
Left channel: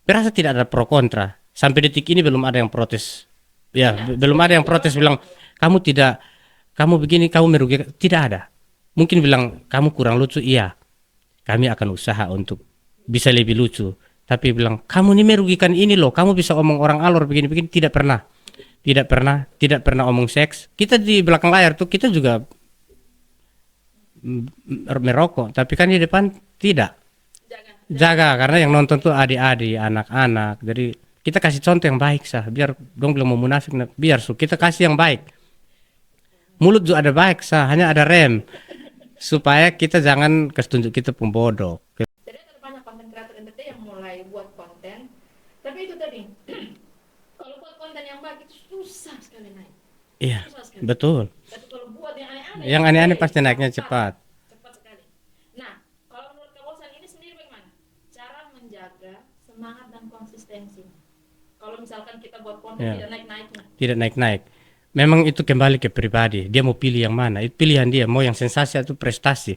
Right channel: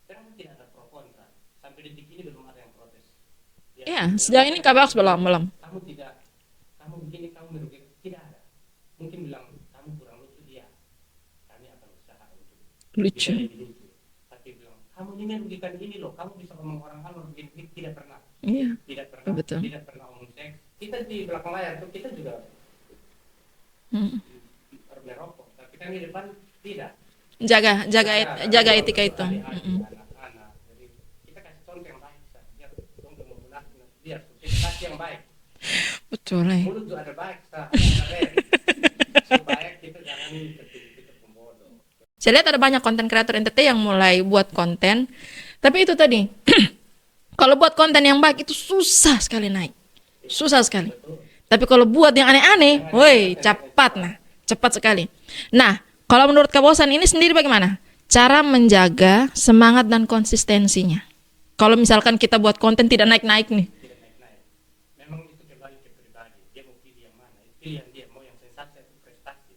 berasa tidak ada pro kontra. Sampai detik ini belum ada yang protes. Ya, belum ada yang protes bilang kamu begini, kamu merugikan. Tidak ada. Mungkin bilang kamu kurang lucu, iya. Kami akan usaha untuk bisa lebih lucu. Tapi bilang kamu ini merugikan ini loh, kamu bisa omong orang alor begini-begini, tidak pernah. Tidak pernah, betul. Tidak pernah omong seks. Kita di belakang layar tuh kita juga merokok, tapi kan di depan tidak. Jaga karena yang nonton tuh adik-adik, anak-anak. Jadi kita kasih contoh yang baik sah, biar dong bilang mau munafik, biar kita kasih yang baik. Betul. Mulut juga ada baik sah, hanya ada rem. Supaya kita jangan kesetunjuk kita pun bodoh. Saya lihat ada banyak konten kreator NTT yang mulai buat konten, tapi itu tadi kalau buat konten yang baik itu susah sekali naik. Iya, susah sekali. Betul. Tapi kalau buat yang aneh-aneh, pasti naiknya cepat sekali. Nah, kalau menurut Kak Bosan ini sendiri bagaimana? Cara menjaga semangat dan konsistensinya. Kalau misalkan kita buat konten tidak naik-naik nih. Tidak naik-naik. Memang itu kembali ke pribadi. Dia mau pilih yang mana? Itu pilihan dia. Mau yang sensasi atau prestasi.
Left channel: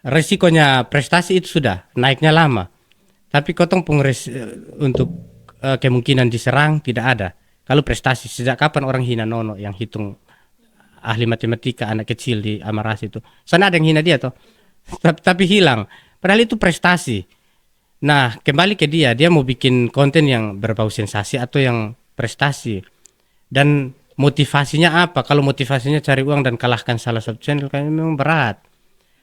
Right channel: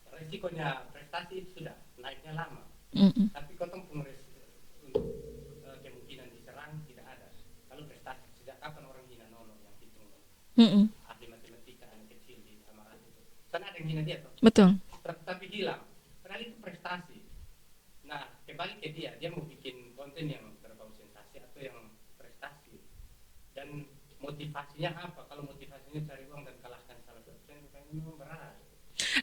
Resikonya prestasi itu sudah naiknya lama. Tapi kotong untuk kemungkinan diserang tidak ada. Kalau prestasi, sejak kapan orang hina Nono yang hitung ahli matematika anak kecil di Amaras itu? Sana ada yang hina dia toh? Betul. Tapi hilang. Padahal itu prestasi. Nah, kembali ke dia mau bikin konten yang berbau sensasi atau yang prestasi. Dan motivasinya apa? Kalau motivasinya cari uang dan kalahkan salah satu channel, kayaknya memang berat.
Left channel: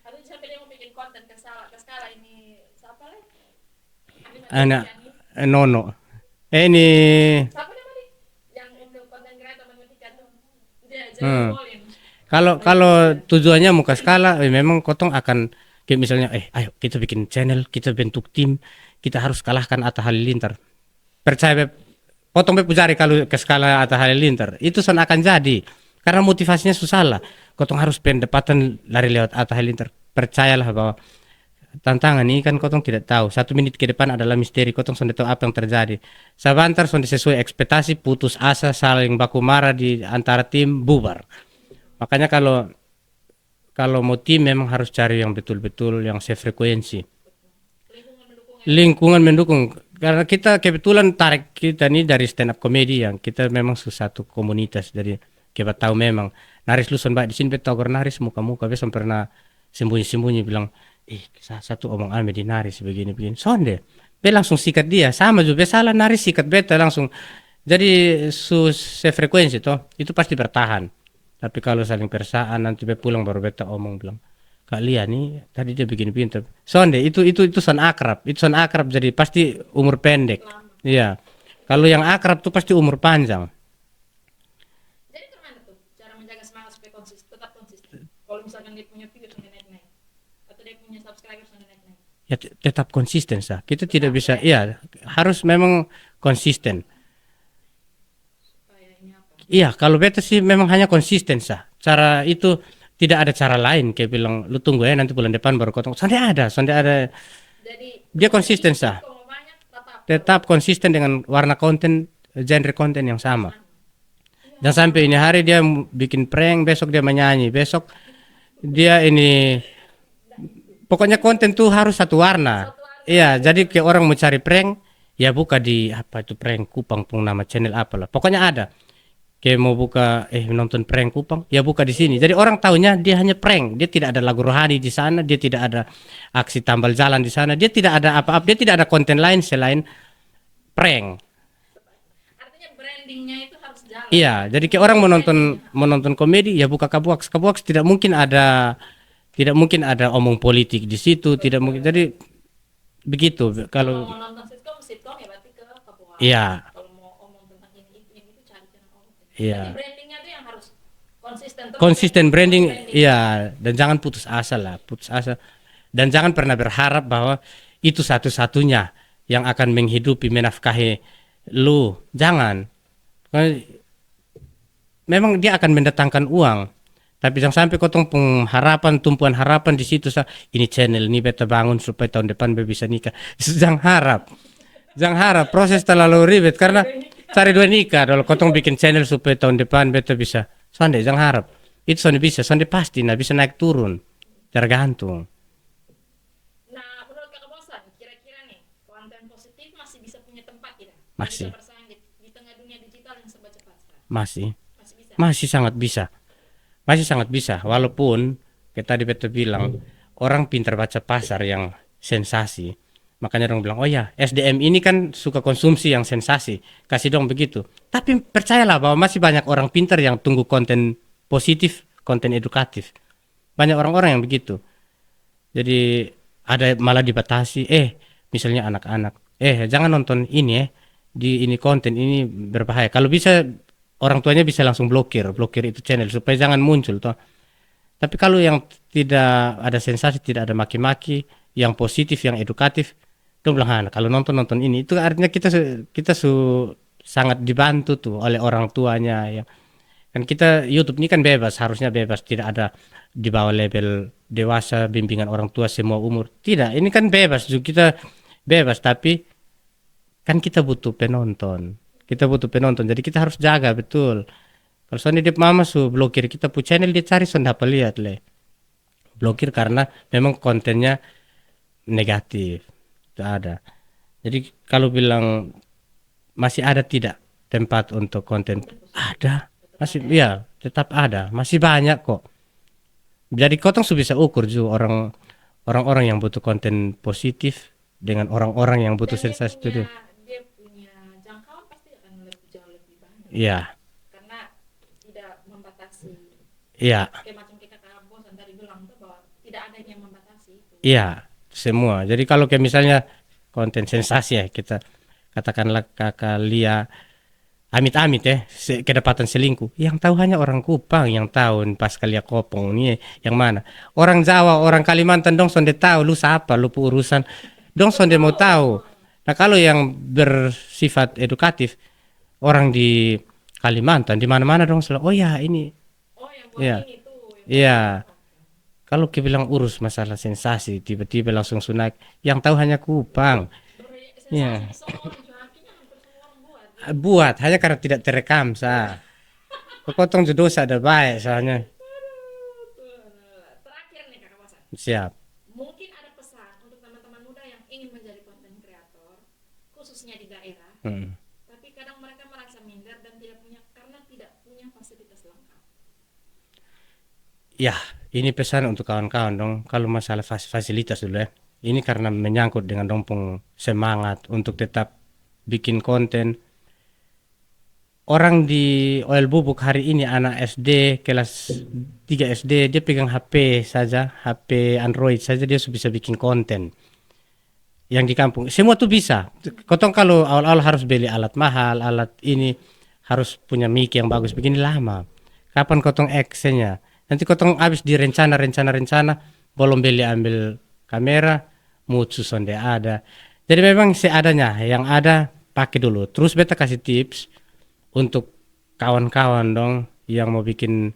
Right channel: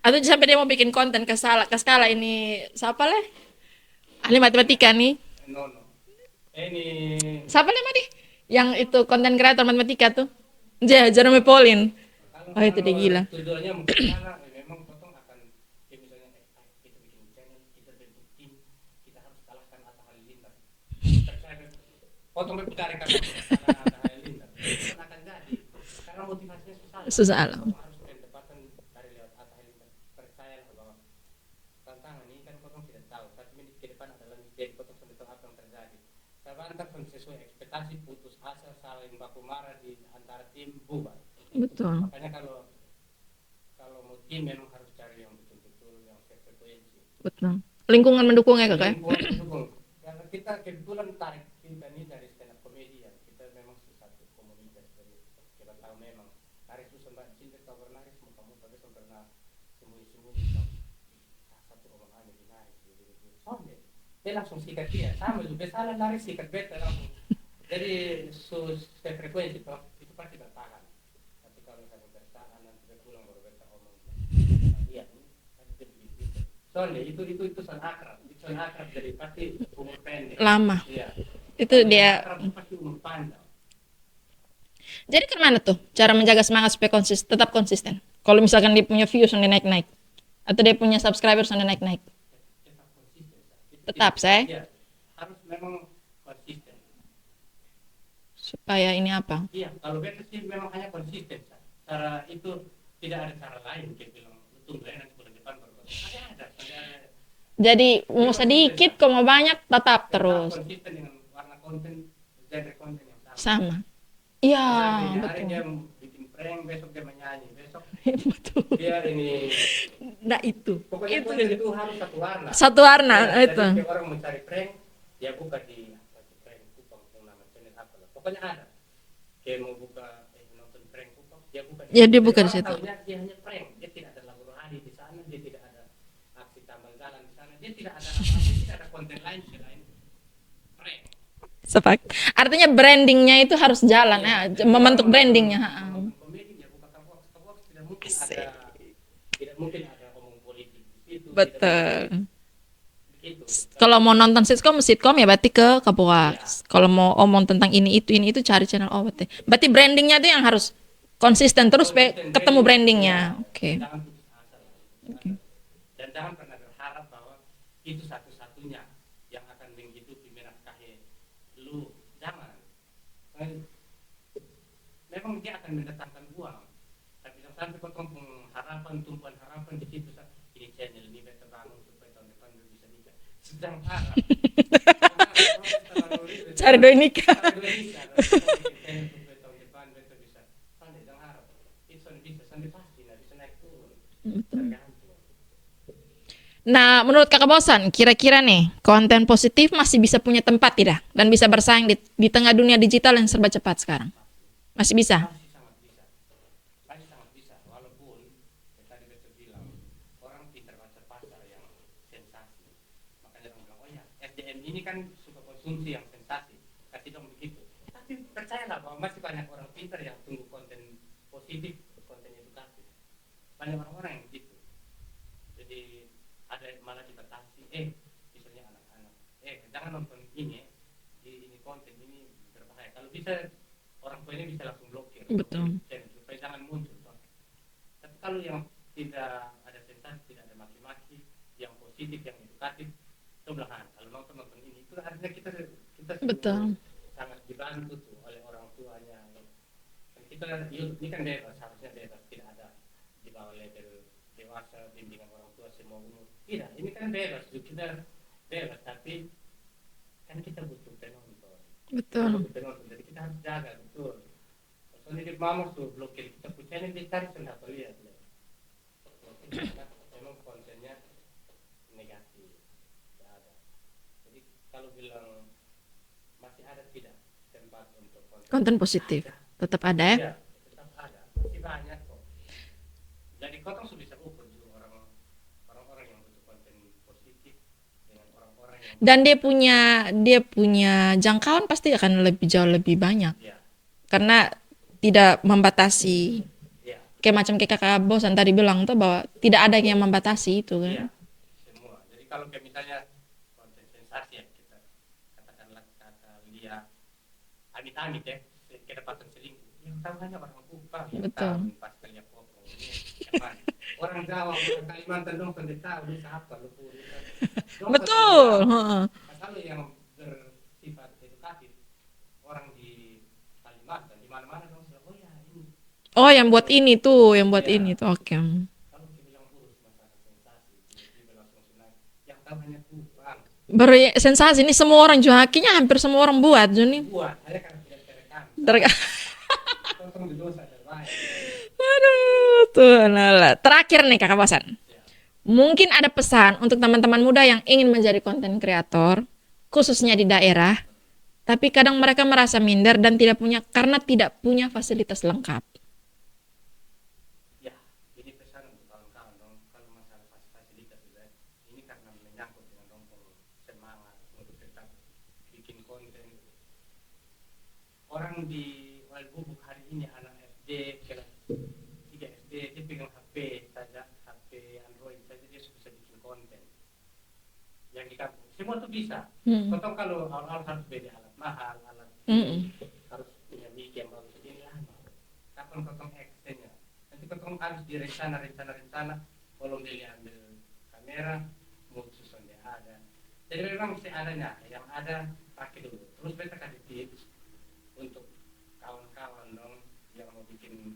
Atau sampai dia mau bikin konten ke skala ini siapa leh? Ahli matematika nih. Nono. Ini siapa leh Madi? Yang itu konten kreator matematika tuh. Jerome Pauline. Kalau tujuannya mau ke skala, memang kotong akan kayak misalnya ayo kita bikin channel, kita bentuk tim, kita harus kalahkan Atta Halilintar. Percaya potong be pujari kalau ke skala Atta Halilintar itu son akan jadi karena motivasinya susah lah. Kotong harus pendapatan lari lewat Atta Halilintar. Percayalah bahwa tantangan ini kan kotong tidak tahu. 1 menit ke depan adalah misteri. Kotong sudah tahu apa yang terjadi. Sebentar sudah sesuai ekspektasi, putus asa, saling baku marah di antara tim, bubar. Betul. Makanya kalau mau tim memang harus cari yang betul-betul yang sefrekuensi. Betul. Lingkungan mendukung ya. Lingkungan mendukung. Karena kita kebetulan tarik kita ini dari stand up comedy yang kita memang satu komunitas. Jadi kita tahu memang naris lu baik di sini betul naris muka-muka besok pernah sembunyi-sembunyi bilang satu omong ame di naris begini-begini. Sonde, be langsung sikat dia. Sama juga salah naris sikat beta langsung. Jadi sefrekuensi toh itu pasti bertahan. Tapi kalau saling persaan nanti be pulang baru beta omong bilang kalian nih tadi dia begini-begini. Sonde itu son akrab. Itu son akrab jadi pasti umur pendek. Lama. Iya. Itu Kalau yang dia. akrab tuh pasti umur panjang. Jadi kemana tuh cara menjaga semangat supaya tetap konsisten? Kalau misalkan dia punya views yang naik-naik atau dia punya subscribers yang naik-naik. Ya tetap konsisten sah. Kita Tetap, tidak bisa, ya harus memang konsisten. Supaya ini apa? Iya, kalau beta sih memang hanya konsisten sah. Cara itu tidak ada cara lain. Kayak bilang, lu tunggu ya nanti bulan depan baru kotong. Sonde ada. Jadi Dia mau konsisten, sedikit, sah. kok mau banyak, tetap terus. Konsisten dengan warna konten, genre konten yang sama. Iya. Dan sampai ini hari dia bikin prank, besok dia menyanyi, besok dia ini. Nah itu. Pokoknya konten tuh harus satu warna. Satu warna. Iya, itu. jadi kayak orang mau cari prank, ya buka di apa itu prank Kupang pun nama channel apalah. Pokoknya ada. Kayak mau buka nonton prank Kupang, ya buka di sini. Jadi orang tahunya dia hanya prank. Dia tidak ada lagu rohani di sana, dia tidak ada aksi tambal jalan di sana, dia tidak ada apa-apa, dia tidak ada konten lain selain prank. Sepak. Artinya brandingnya itu harus jalan. Iya, ya. jadi kayak orang menonton komedi ya buka Kabuaks. Kabuaks tidak mungkin ada omong politik di situ, Betul. tidak mungkin. Jadi begitu. Kalau mau nonton sitcom ya berarti ke Kabuaks. Iya. Kalau mau omong tentang ini itu cari channel berarti. Iya. Berarti brandingnya itu yang harus konsisten terus. Konsisten branding. Brandingnya. Iya. Okay. Dan jangan putus asa lah, Dan jangan pernah berharap bahwa itu satu-satunya yang akan menghidupi menafkahi lu. Jangan. Memang dia akan mendatangkan uang. Tapi jangan sampai kotong tumpuan harapan di situ ini channel ini beta bangun supaya tahun depan beta bisa nikah. Jangan harap. Jangan harap, proses terlalu ribet karena cari dua nikah. Kalau kotong bikin channel supaya tahun depan beta bisa. Sonde jangan harap. Itu sonde bisa, sonde pasti bisa naik turun. Tergantung. Nah, menurut Kakak Bosan, kira-kira nih konten positif masih bisa punya tempat tidak? Dan bisa bersaing di tengah dunia digital yang serba cepat sekarang? Masih bisa? Masih sangat bisa. Masih sangat bisa, walaupun kita tadi betul bilang orang pintar baca pasar yang sensasi. Makanya orang bilang, oh ya SDM ini kan suka konsumsi yang sensasi, kasih dong begitu. Tapi percayalah bahwa masih banyak orang pintar yang tunggu konten positif, konten edukatif. Banyak orang-orang yang begitu. Jadi ada malah dibatasi, misalnya anak-anak, jangan nonton ini di ini konten ini berbahaya. Kalau bisa orang tuanya bisa langsung blokir itu channel supaya jangan muncul toh. Tapi kalau yang tidak ada sensasi, tidak ada maki-maki, yang positif, yang edukatif, dong bilang kalau nonton ini itu artinya kita sangat dibantu tuh oleh orang tuanya ya. Kan kita YouTube ini kan bebas, harusnya bebas, tidak ada di bawah label dewasa, bimbingan orang tua semua umur. Tidak, ini kan bebas juga, kita bebas tapi kan kita butuh penonton. Betul. Kita butuh penonton. Jadi kita harus jaga betul. Kalau soalnya dia mama blokir kita pu channel dia cari apa lihat le. Blokir karena memang kontennya negatif. Itu ada. Jadi kalau bilang masih ada tidak tempat untuk konten positif? Ada. Tetap masih, ada ya? Iya, tetap ada. Masih banyak kok. Jadi kotong bisa ukur juga orang-orang yang butuh konten positif dengan orang-orang yang butuh dan dia punya jangkauan pasti akan jauh lebih banyak. Iya. Karena tidak membatasi. Iya. Kayak Kakak Bosan tadi bilang tuh bahwa tidak ada yang membatasi itu. Iya, semua. Jadi kalau kayak misalnya konten sensasi ya, kita katakanlah Kakak Lia amit-amit kedapatan selingkuh, yang tahu hanya orang Kupang yang tahu pas Kalia Kopong nih yang mana. Orang Jawa, orang Kalimantan dong sonde tahu lu siapa, lu urusan dong sonde mau tahu. Nah kalau yang bersifat edukatif orang di Kalimantan di mana-mana dong selalu, oh ya ini. Oh, yang buat Iya. ini tuh, yang buat Iya. ini tuh. Oke. Kalau kita bilang urus masalah sensasi, tiba-tiba langsung sunak, yang tahu hanya Kupang. Sensasi ini semua orang Johakinya hampir semua orang buat Joni. Buat hanya karena tidak terekam. Kotong dosa ada baik soalnya. Aduh, tuh lala. Terakhir nih Kakak Bosan. Siap. Mungkin ada pesan untuk teman-teman muda yang ingin menjadi konten kreator, khususnya di daerah, tapi kadang mereka merasa minder dan tidak punya fasilitas lengkap. Ya, ini pesan untuk kawan-kawan dong. Kalau masalah fasilitas dulu ya. Ini karena menyangkut dengan dompong semangat untuk tetap bikin konten. Orang di Oil Bubuk hari ini anak SD kelas 3 SD dia pegang HP saja, HP Android saja dia sudah bisa bikin konten. Yang di kampung semua tuh bisa. Kotong kalau awal-awal harus beli alat mahal, alat ini harus punya mic yang bagus, begini lama. Kapan kotong actionnya? Nanti kotong habis di rencana belum beli ambil kamera, mutu sonde ada. Jadi memang seadanya, yang ada pakai dulu. Terus beta kasih tips untuk kawan-kawan dong yang mau bikin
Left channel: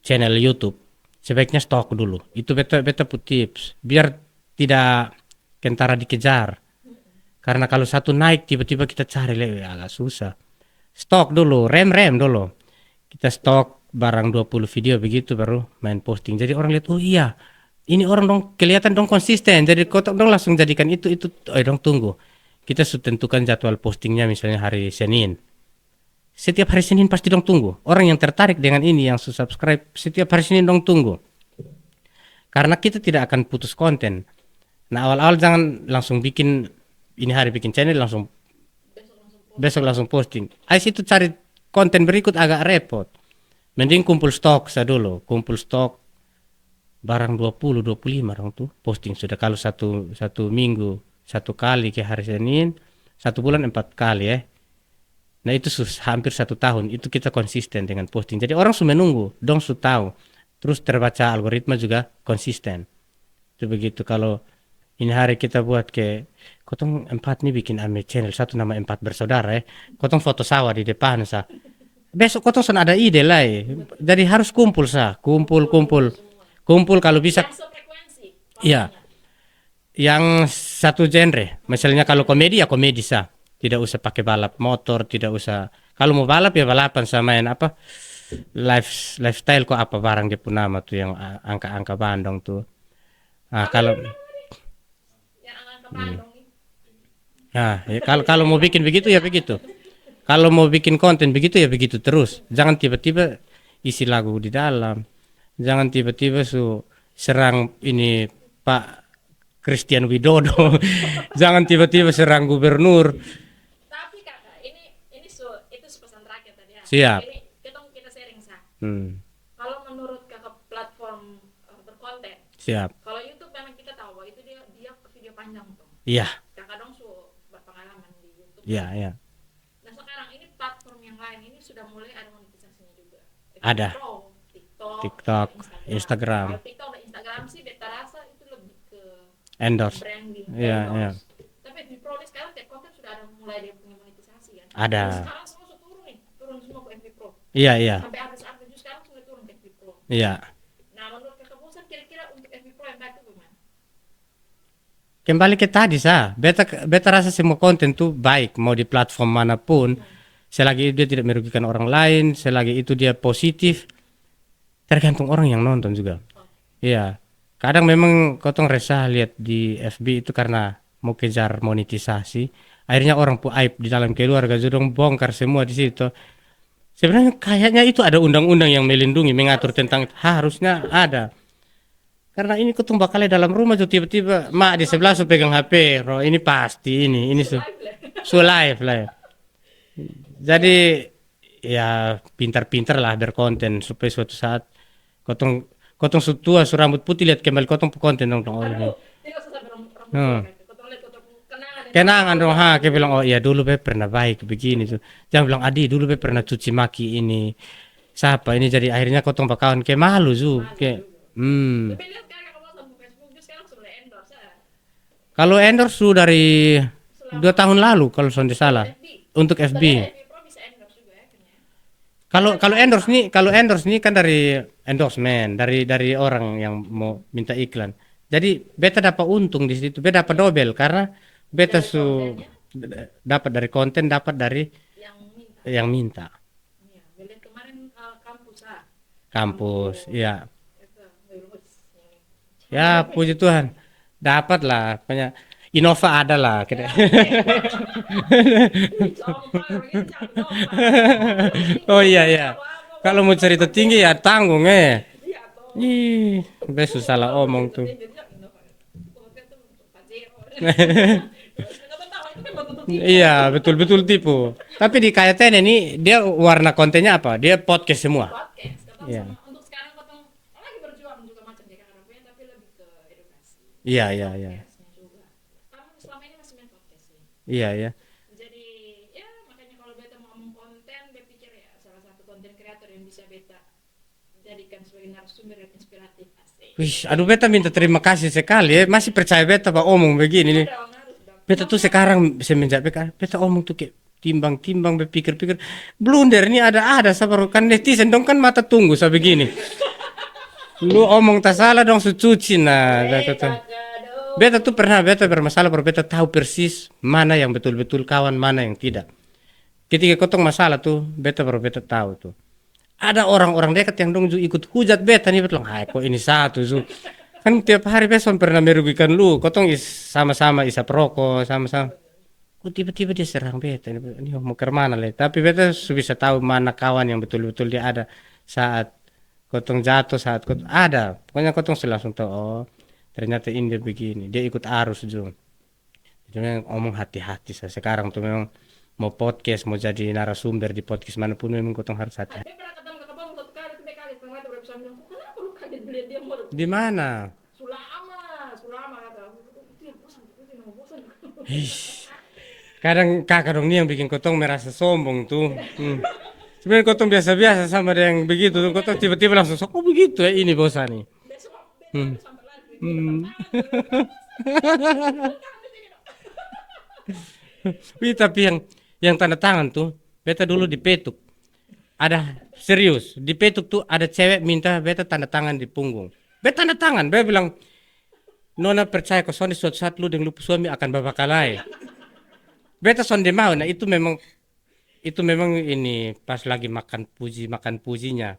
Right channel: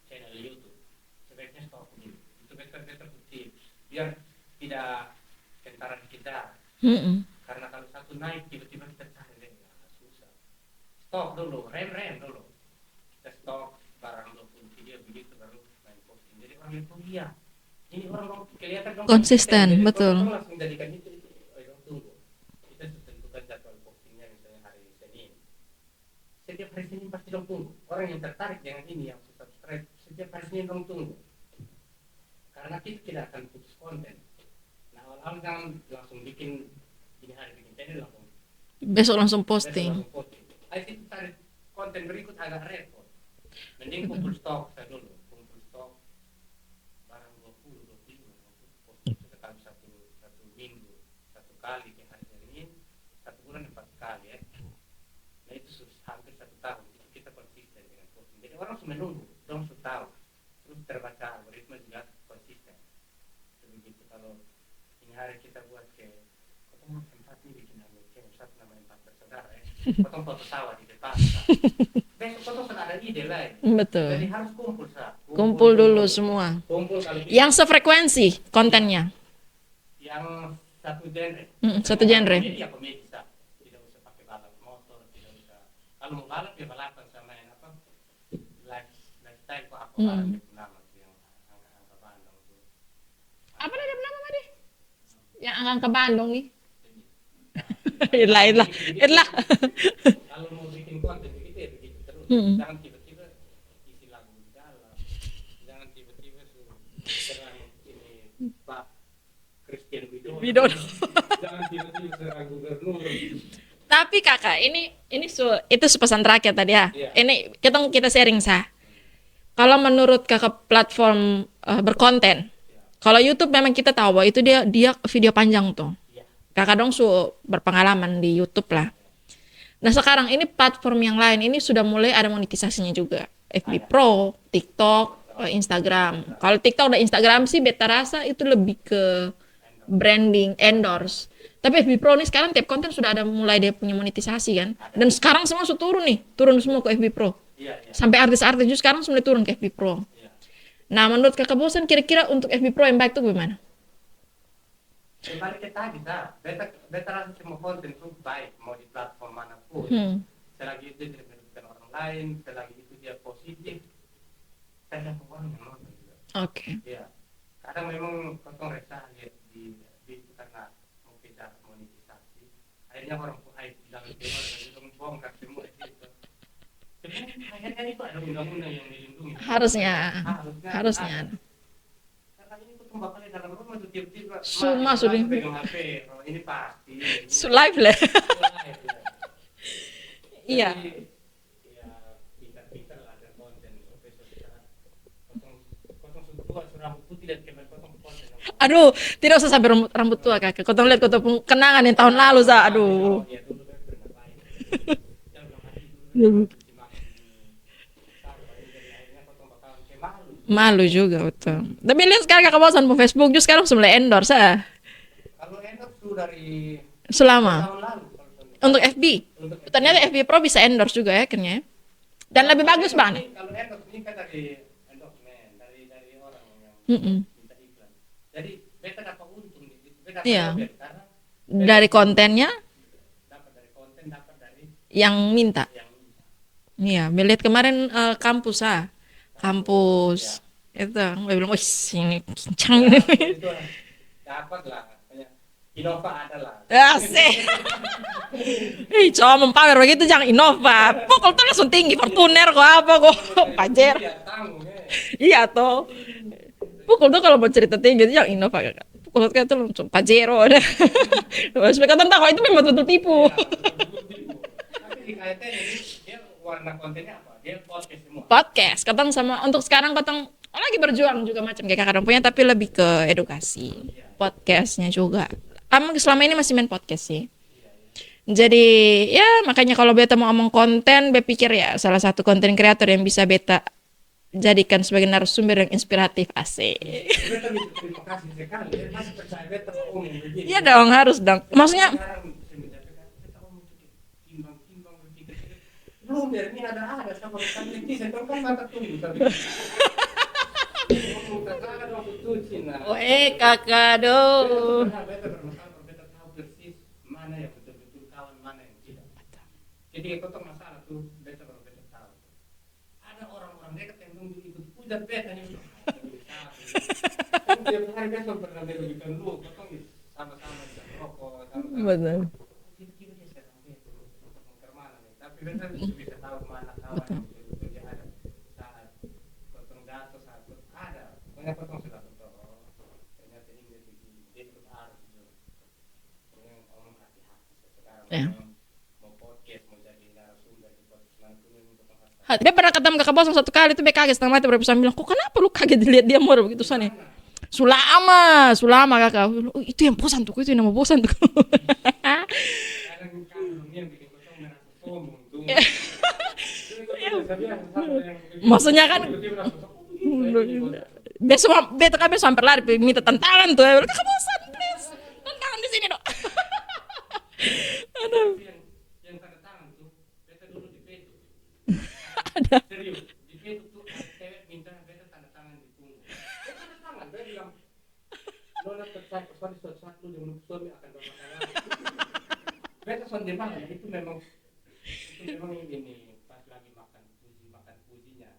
channel YouTube, sebaiknya stok dulu. Itu beta put tips biar tidak kentara dikejar. Karena kalau satu naik tiba-tiba kita cari agak susah. Stok dulu, rem dulu. Kita stok barang 20 video begitu baru main posting. Jadi orang lihat, oh iya, ini orang dong kelihatan dong konsisten. Jadi kotong dong langsung jadikan itu dong tunggu. Kita sudah tentukan jadwal postingnya misalnya hari Senin. Setiap hari Senin pasti dong tunggu. Orang yang tertarik dengan ini, yang subscribe, setiap hari Senin dong tunggu. Karena kita tidak akan putus konten. Nah awal-awal jangan langsung bikin, ini hari bikin channel langsung Besok langsung posting. Ais itu cari konten berikut agak repot. Mending kumpul stok dulu. Kumpul stok barang 20-25 orang tuh posting sudah. Kalau satu minggu 1 kali ke hari Senin, 1 bulan 4 kali ya. Nah itu hampir 1 tahun itu kita konsisten dengan posting. Jadi orang sudah menunggu, dong sudah tahu. Terus terbaca algoritma juga konsisten. Itu begitu. Kalau ini hari kita buat ke kotong 4 nih bikin ame channel satu nama 4 bersaudara ya. Kotong foto sawah di depan besok kotong sudah ada ide lah ya. Betul. Jadi harus kumpul kumpul dulu semua. Kumpul kalau bisa. Yang sefrekuensi kontennya. Yang satu genre. Misalnya satu kalau genre. komedi ya komedi sah. Tidak usah pakai balap motor, tidak usah. Kalau mau balap ya balapan sama main apa? Lifestyle kok apa barang dia pun nama tuh yang angka-angka Bandung tuh. Nah, kalau Yang angka Bandung nih. nah, ya, kalau mau bikin begitu ya begitu. Kalau mau bikin konten begitu ya begitu terus. Jangan tiba-tiba isi lagu di dalam. Jangan tiba-tiba serang ini Pak Christian Widodo. Jangan tiba-tiba serang gubernur. Tapi kakak, itu pesan terakhir tadi ya. Siap. Ini kita sharing sah. Kalau menurut kakak platform berkonten, Siap. kalau YouTube memang kita tahu bahwa itu dia video panjang tuh. Iya. Kakak dong berpengalaman di YouTube lah. Iya. Nah sekarang ini platform yang lain ini sudah mulai ada monetisasinya juga. FB Ada. Pro, TikTok, TikTok, Instagram. Instagram. Kalau TikTok dan Instagram sih beta rasa itu lebih ke Endorse. branding, Iya, endorse. Tapi FB Pro nih sekarang tiap konten sudah ada mulai dia punya monetisasi kan. Ada. Dan sekarang semua sudah turun semua ke FB Pro. Iya. Sampai artis-artis juga sekarang sudah turun ke FB Pro. Iya. Nah menurut kakak Bosan kira-kira untuk FB Pro yang baik tuh gimana? Kembali ke tadi beta rasa semua konten tuh baik mau di platform manapun. Selagi dia tidak merugikan orang lain, selagi itu dia positif, tergantung orang yang nonton juga. Oke. Iya. Kadang memang kotong resah lihat di FB itu karena mau kejar monetisasi. Akhirnya orang pun aib di dalam keluarga, jodong bongkar semua di situ. Sebenarnya kayaknya itu ada undang-undang yang melindungi, mengatur tentang harusnya ada. Karena ini kotong bakalnya dalam rumah tuh tiba-tiba mak di sebelah pegang HP, roh ini pasti ini live lah. live lah. Jadi ya pintar-pintar lah berkonten supaya suatu saat kotong tua rambut putih lihat kembali kotong konten dong. Aduh, tidak usah sampai rambut tua kakak. Kotong lihat kotong kenangan yang tahun lalu sah. Dia bilang oh iya dulu be pernah baik begini tuh. Jangan bilang Adi dulu be pernah cuci maki ini. Siapa ini jadi akhirnya kotong bakawan kayak malu juga. Malu juga betul. Tapi lihat sekarang kakak Bosan po Facebook juga sekarang mulai endorse Kalau endorse tuh dari Selama 2 tahun lalu kalau sonde untuk salah. FB. Untuk FB. Ternyata FB Pro bisa endorse juga ya akhirnya. Dan Kalau lebih kalau bagus, endorse Bang. nih, kalau endorse nih kan dari endorsement, dari orang yang mau minta iklan. Jadi beta dapat untung di situ, beta dapat Iya. double karena beta Dari kontennya dapat dari konten, dapat dari yang minta. yang minta. Iya, melihat kemarin kampus Kampus, ya. Itu, gue bilang, wih ini kencang. Ya, puji Tuhan. Dapat lah, punya Innova ada lah. Asik. Ih, cowok mempamer begitu jangan Innova. Kok langsung tinggi, Oh iya, kuner iya. kok apa kok. Kalau mau cerita Pajero. tinggi ya tanggung Iya toh. Ih, Pokoknya susah lah kalau mau ngomong cerita tuh. tinggi itu jangan Innova. Pokoknya itu langsung Pajero. Terus mereka tentang kalau itu memang betul tipu. Iya, betul-betul tipu. Tapi di KTN ini dia warna kontennya apa? Dia podcast semua. Podcast, katong sama untuk sekarang katong lagi berjuang juga macam kayak kakak punya tapi lebih ke edukasi. Iya, iya, Podcastnya juga. Selama ini masih main podcast sih. Iya, iya. Jadi ya makanya kalau beta mau ngomong konten, beta pikir ya salah satu konten kreator yang bisa beta jadikan sebagai narasumber yang inspiratif asik. Wih, aduh beta minta terima kasih sekali ya. Masih percaya beta pak omong begini Iya nih. dong harus dong. Beta tuh Maksudnya sekarang semenjak beta omong tuh kayak timbang-timbang berpikir-pikir blunder ini ada sabar kan netizen dong kan mata tunggu saya begini. Lu omong tak salah dong sucuci nah. kakak dong. Beta bermasalah baru beta tahu persis mana yang betul-betul kawan mana yang tidak. Ketika kotong masalah tuh beta tahu tuh. Ada orang-orang dekat yang dong ikut hujat beta nih betul. Hai kok ini satu Zu. Kan tiap hari beson pernah merugikan lu. Kotong sama-sama isap rokok sama-sama. Betul. Oh, tiba-tiba dia serang beta ini mau ke mana le. Tapi beta bisa tahu mana kawan yang betul-betul dia ada saat kotong jatuh saat kotong ada. Pokoknya kotong langsung tahu oh ternyata ini dia begini. Dia ikut arus Ju. Jadi ngomong hati-hati saya sekarang tuh memang mau podcast mau jadi narasumber di podcast manapun memang kotong harus hati. Dia pernah ketemu kakak bos satu kali tuh dia kaget setengah mati berapa bilang kok kenapa lu kaget dilihat dia murah begitu Di soalnya. mana? Sulama kakak. Oh, itu yang bosan tuh, itu yang nama bosan tuh. Kadang kakak dong nih yang bikin kotong merasa sombong tuh. Sebenarnya kotong biasa-biasa sama dia yang begitu. Maksudnya Kotong kan- tiba-tiba langsung sok, oh begitu ya ini bosan nih. Beta kan besok hampir lari minta tantangan tuh. Bosan. Tantangan di sini dong. Tapi yang tanda tangan tuh, beta dulu di Petuk. Ada serius, di Petuk tuh ada cewek minta beta tanda tangan di punggung. Beta tanda tangan, beta bilang, Nona percaya kok soalnya suatu saat lu dengan lu suami akan babakalai. Beta sonde mau, nah itu memang ini pas lagi makan pujinya.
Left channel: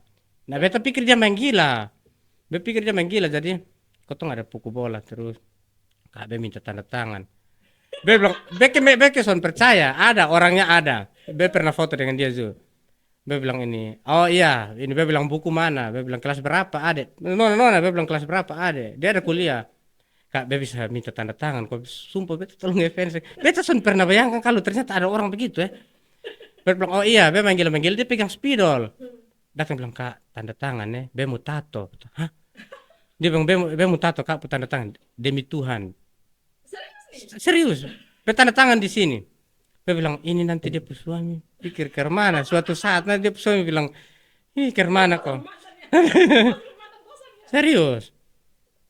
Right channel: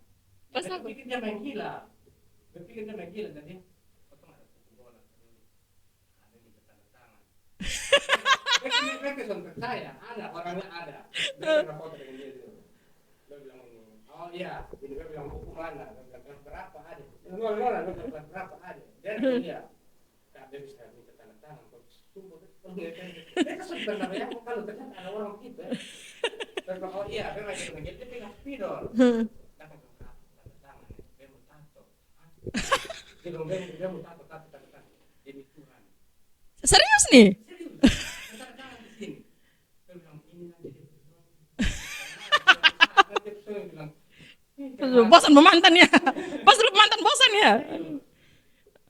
Nah beta pikir dia main gila. Jadi kotong ada pukul bola terus. Kak minta tanda tangan. Be bilang, Beke son percaya, ada orangnya ada. Be pernah foto dengan dia Zul. Be bilang ini, oh iya, ini Be bilang buku mana? Be bilang kelas berapa adek? Nona, Be bilang kelas berapa adek? Dia ada kuliah. Kak, Be bisa minta tanda tangan. Kok sumpah Be tolong ngefans. Be son pernah bayangkan kalau ternyata ada orang begitu ya. Be bilang, oh iya, Be manggil dia pegang spidol. Datang bilang, Kak, tanda tangan ya, Be mau tato. Hah? Dia bilang, Be mau tato, Kak, tanda tangan. Demi Tuhan. Serius nih? Serius, Be tanda tangan di sini. Be bilang ini nanti dia suami pikir ke mana. Suatu saat nanti dia suami bilang ini ke mana? Bosan memantan ya. Mantan bosan ya. Serius.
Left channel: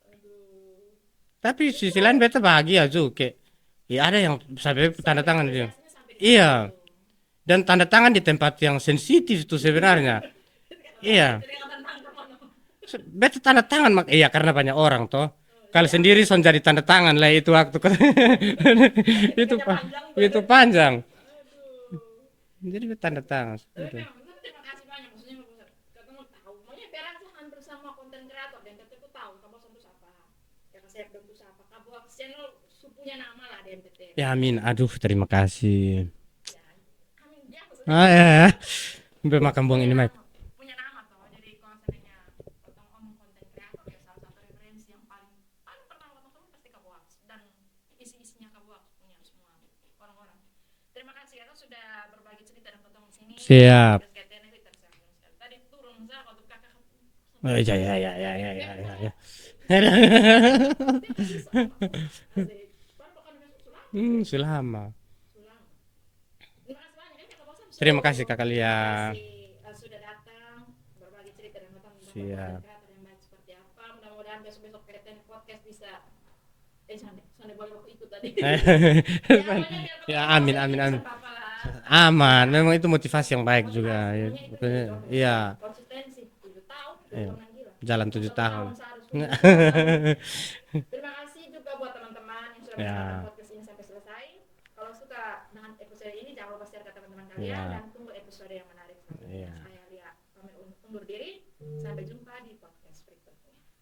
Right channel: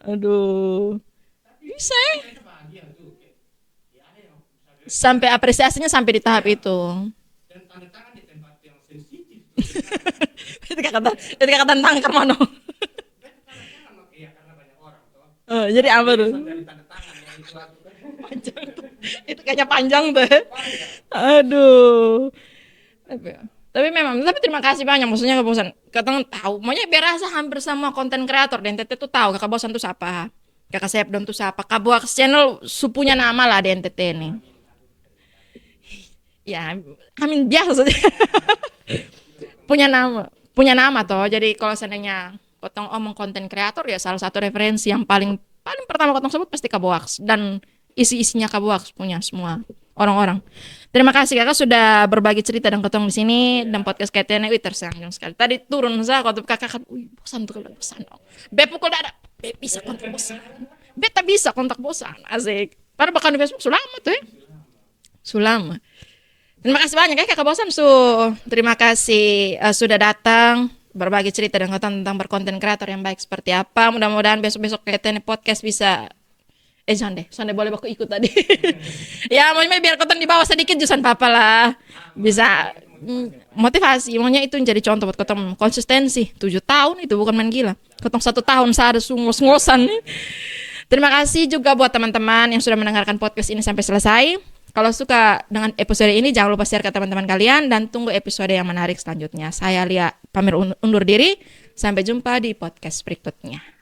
Aduh. Tapi sisi lain beta bahagia juga. Ya ada yang Sampai apresiasinya sampai di tahap Iya. itu. Dan tanda tangan di tempat yang sensitif itu sebenarnya. Ketika Iya. tangan Karmano. Beta tanda tangan iya karena banyak orang toh. Oh, Kalau jadi sendiri apa tuh? son jadi tanda tangan lah itu waktu. Itu kayaknya panjang tuh. Itu panjang. Aduh. Jadi beta tanda tangan. Tapi memang, tapi terima kasih banyak. Maksudnya Kak Bosan, katanya tahu. Makanya biar rasa hampir semua konten kreator di NTT tuh tahu Kakak Bosan tuh siapa. Kakak Sepdon tuh siapa. Kak Box Channel supunya nama lah di NTT. Ya amin. Aduh terima kasih. Ya, amin biasa saja. Makan Punya nama toh. Jadi kalau seandainya kotong omong konten kreator ya salah satu referensi yang paling pertama kotong sebut pasti Kak Box dan isi-isinya Kak Box punya semua orang-orang. Terima kasih Kakak sudah berbagi cerita dan kotong di sini dengan podcast KTN. Tersanjung sekali. Tadi turun saya waktu Kakak kan, bosan tuh. Be pukul dada. Be tak bisa kontak bosan. Asik. Padahal bahkan di Facebook selama tuh. Sulama. Terima kasih banyak ya Kakak Bosan Terima kasih sudah datang berbagi cerita dan tentang berkonten kreator yang baik seperti apa. Mudah-mudahan besok-besok KTN Podcast bisa Jangan deh boleh aku ikut tadi. Ya maunya biar kotong di bawah Amin, sedikit amin, jusan papa lah. Aman, Bisa. memang itu motivasi yang baik. Motivasi, juga. maunya itu jadi contoh buat Iya. ketemu. Konsistensi, 7 tahun itu bukan main gila. Jalan Ketemu 7 1 tahun saya ada ngos-ngosan. Terima kasih juga buat teman-teman yang sudah mendengarkan podcast ini sampai selesai. Kalau suka dengan episode ini jangan lupa share ke teman-teman kalian dan tunggu episode yang menarik selanjutnya. Saya Lia pamit undur diri. Sampai jumpa di podcast berikutnya.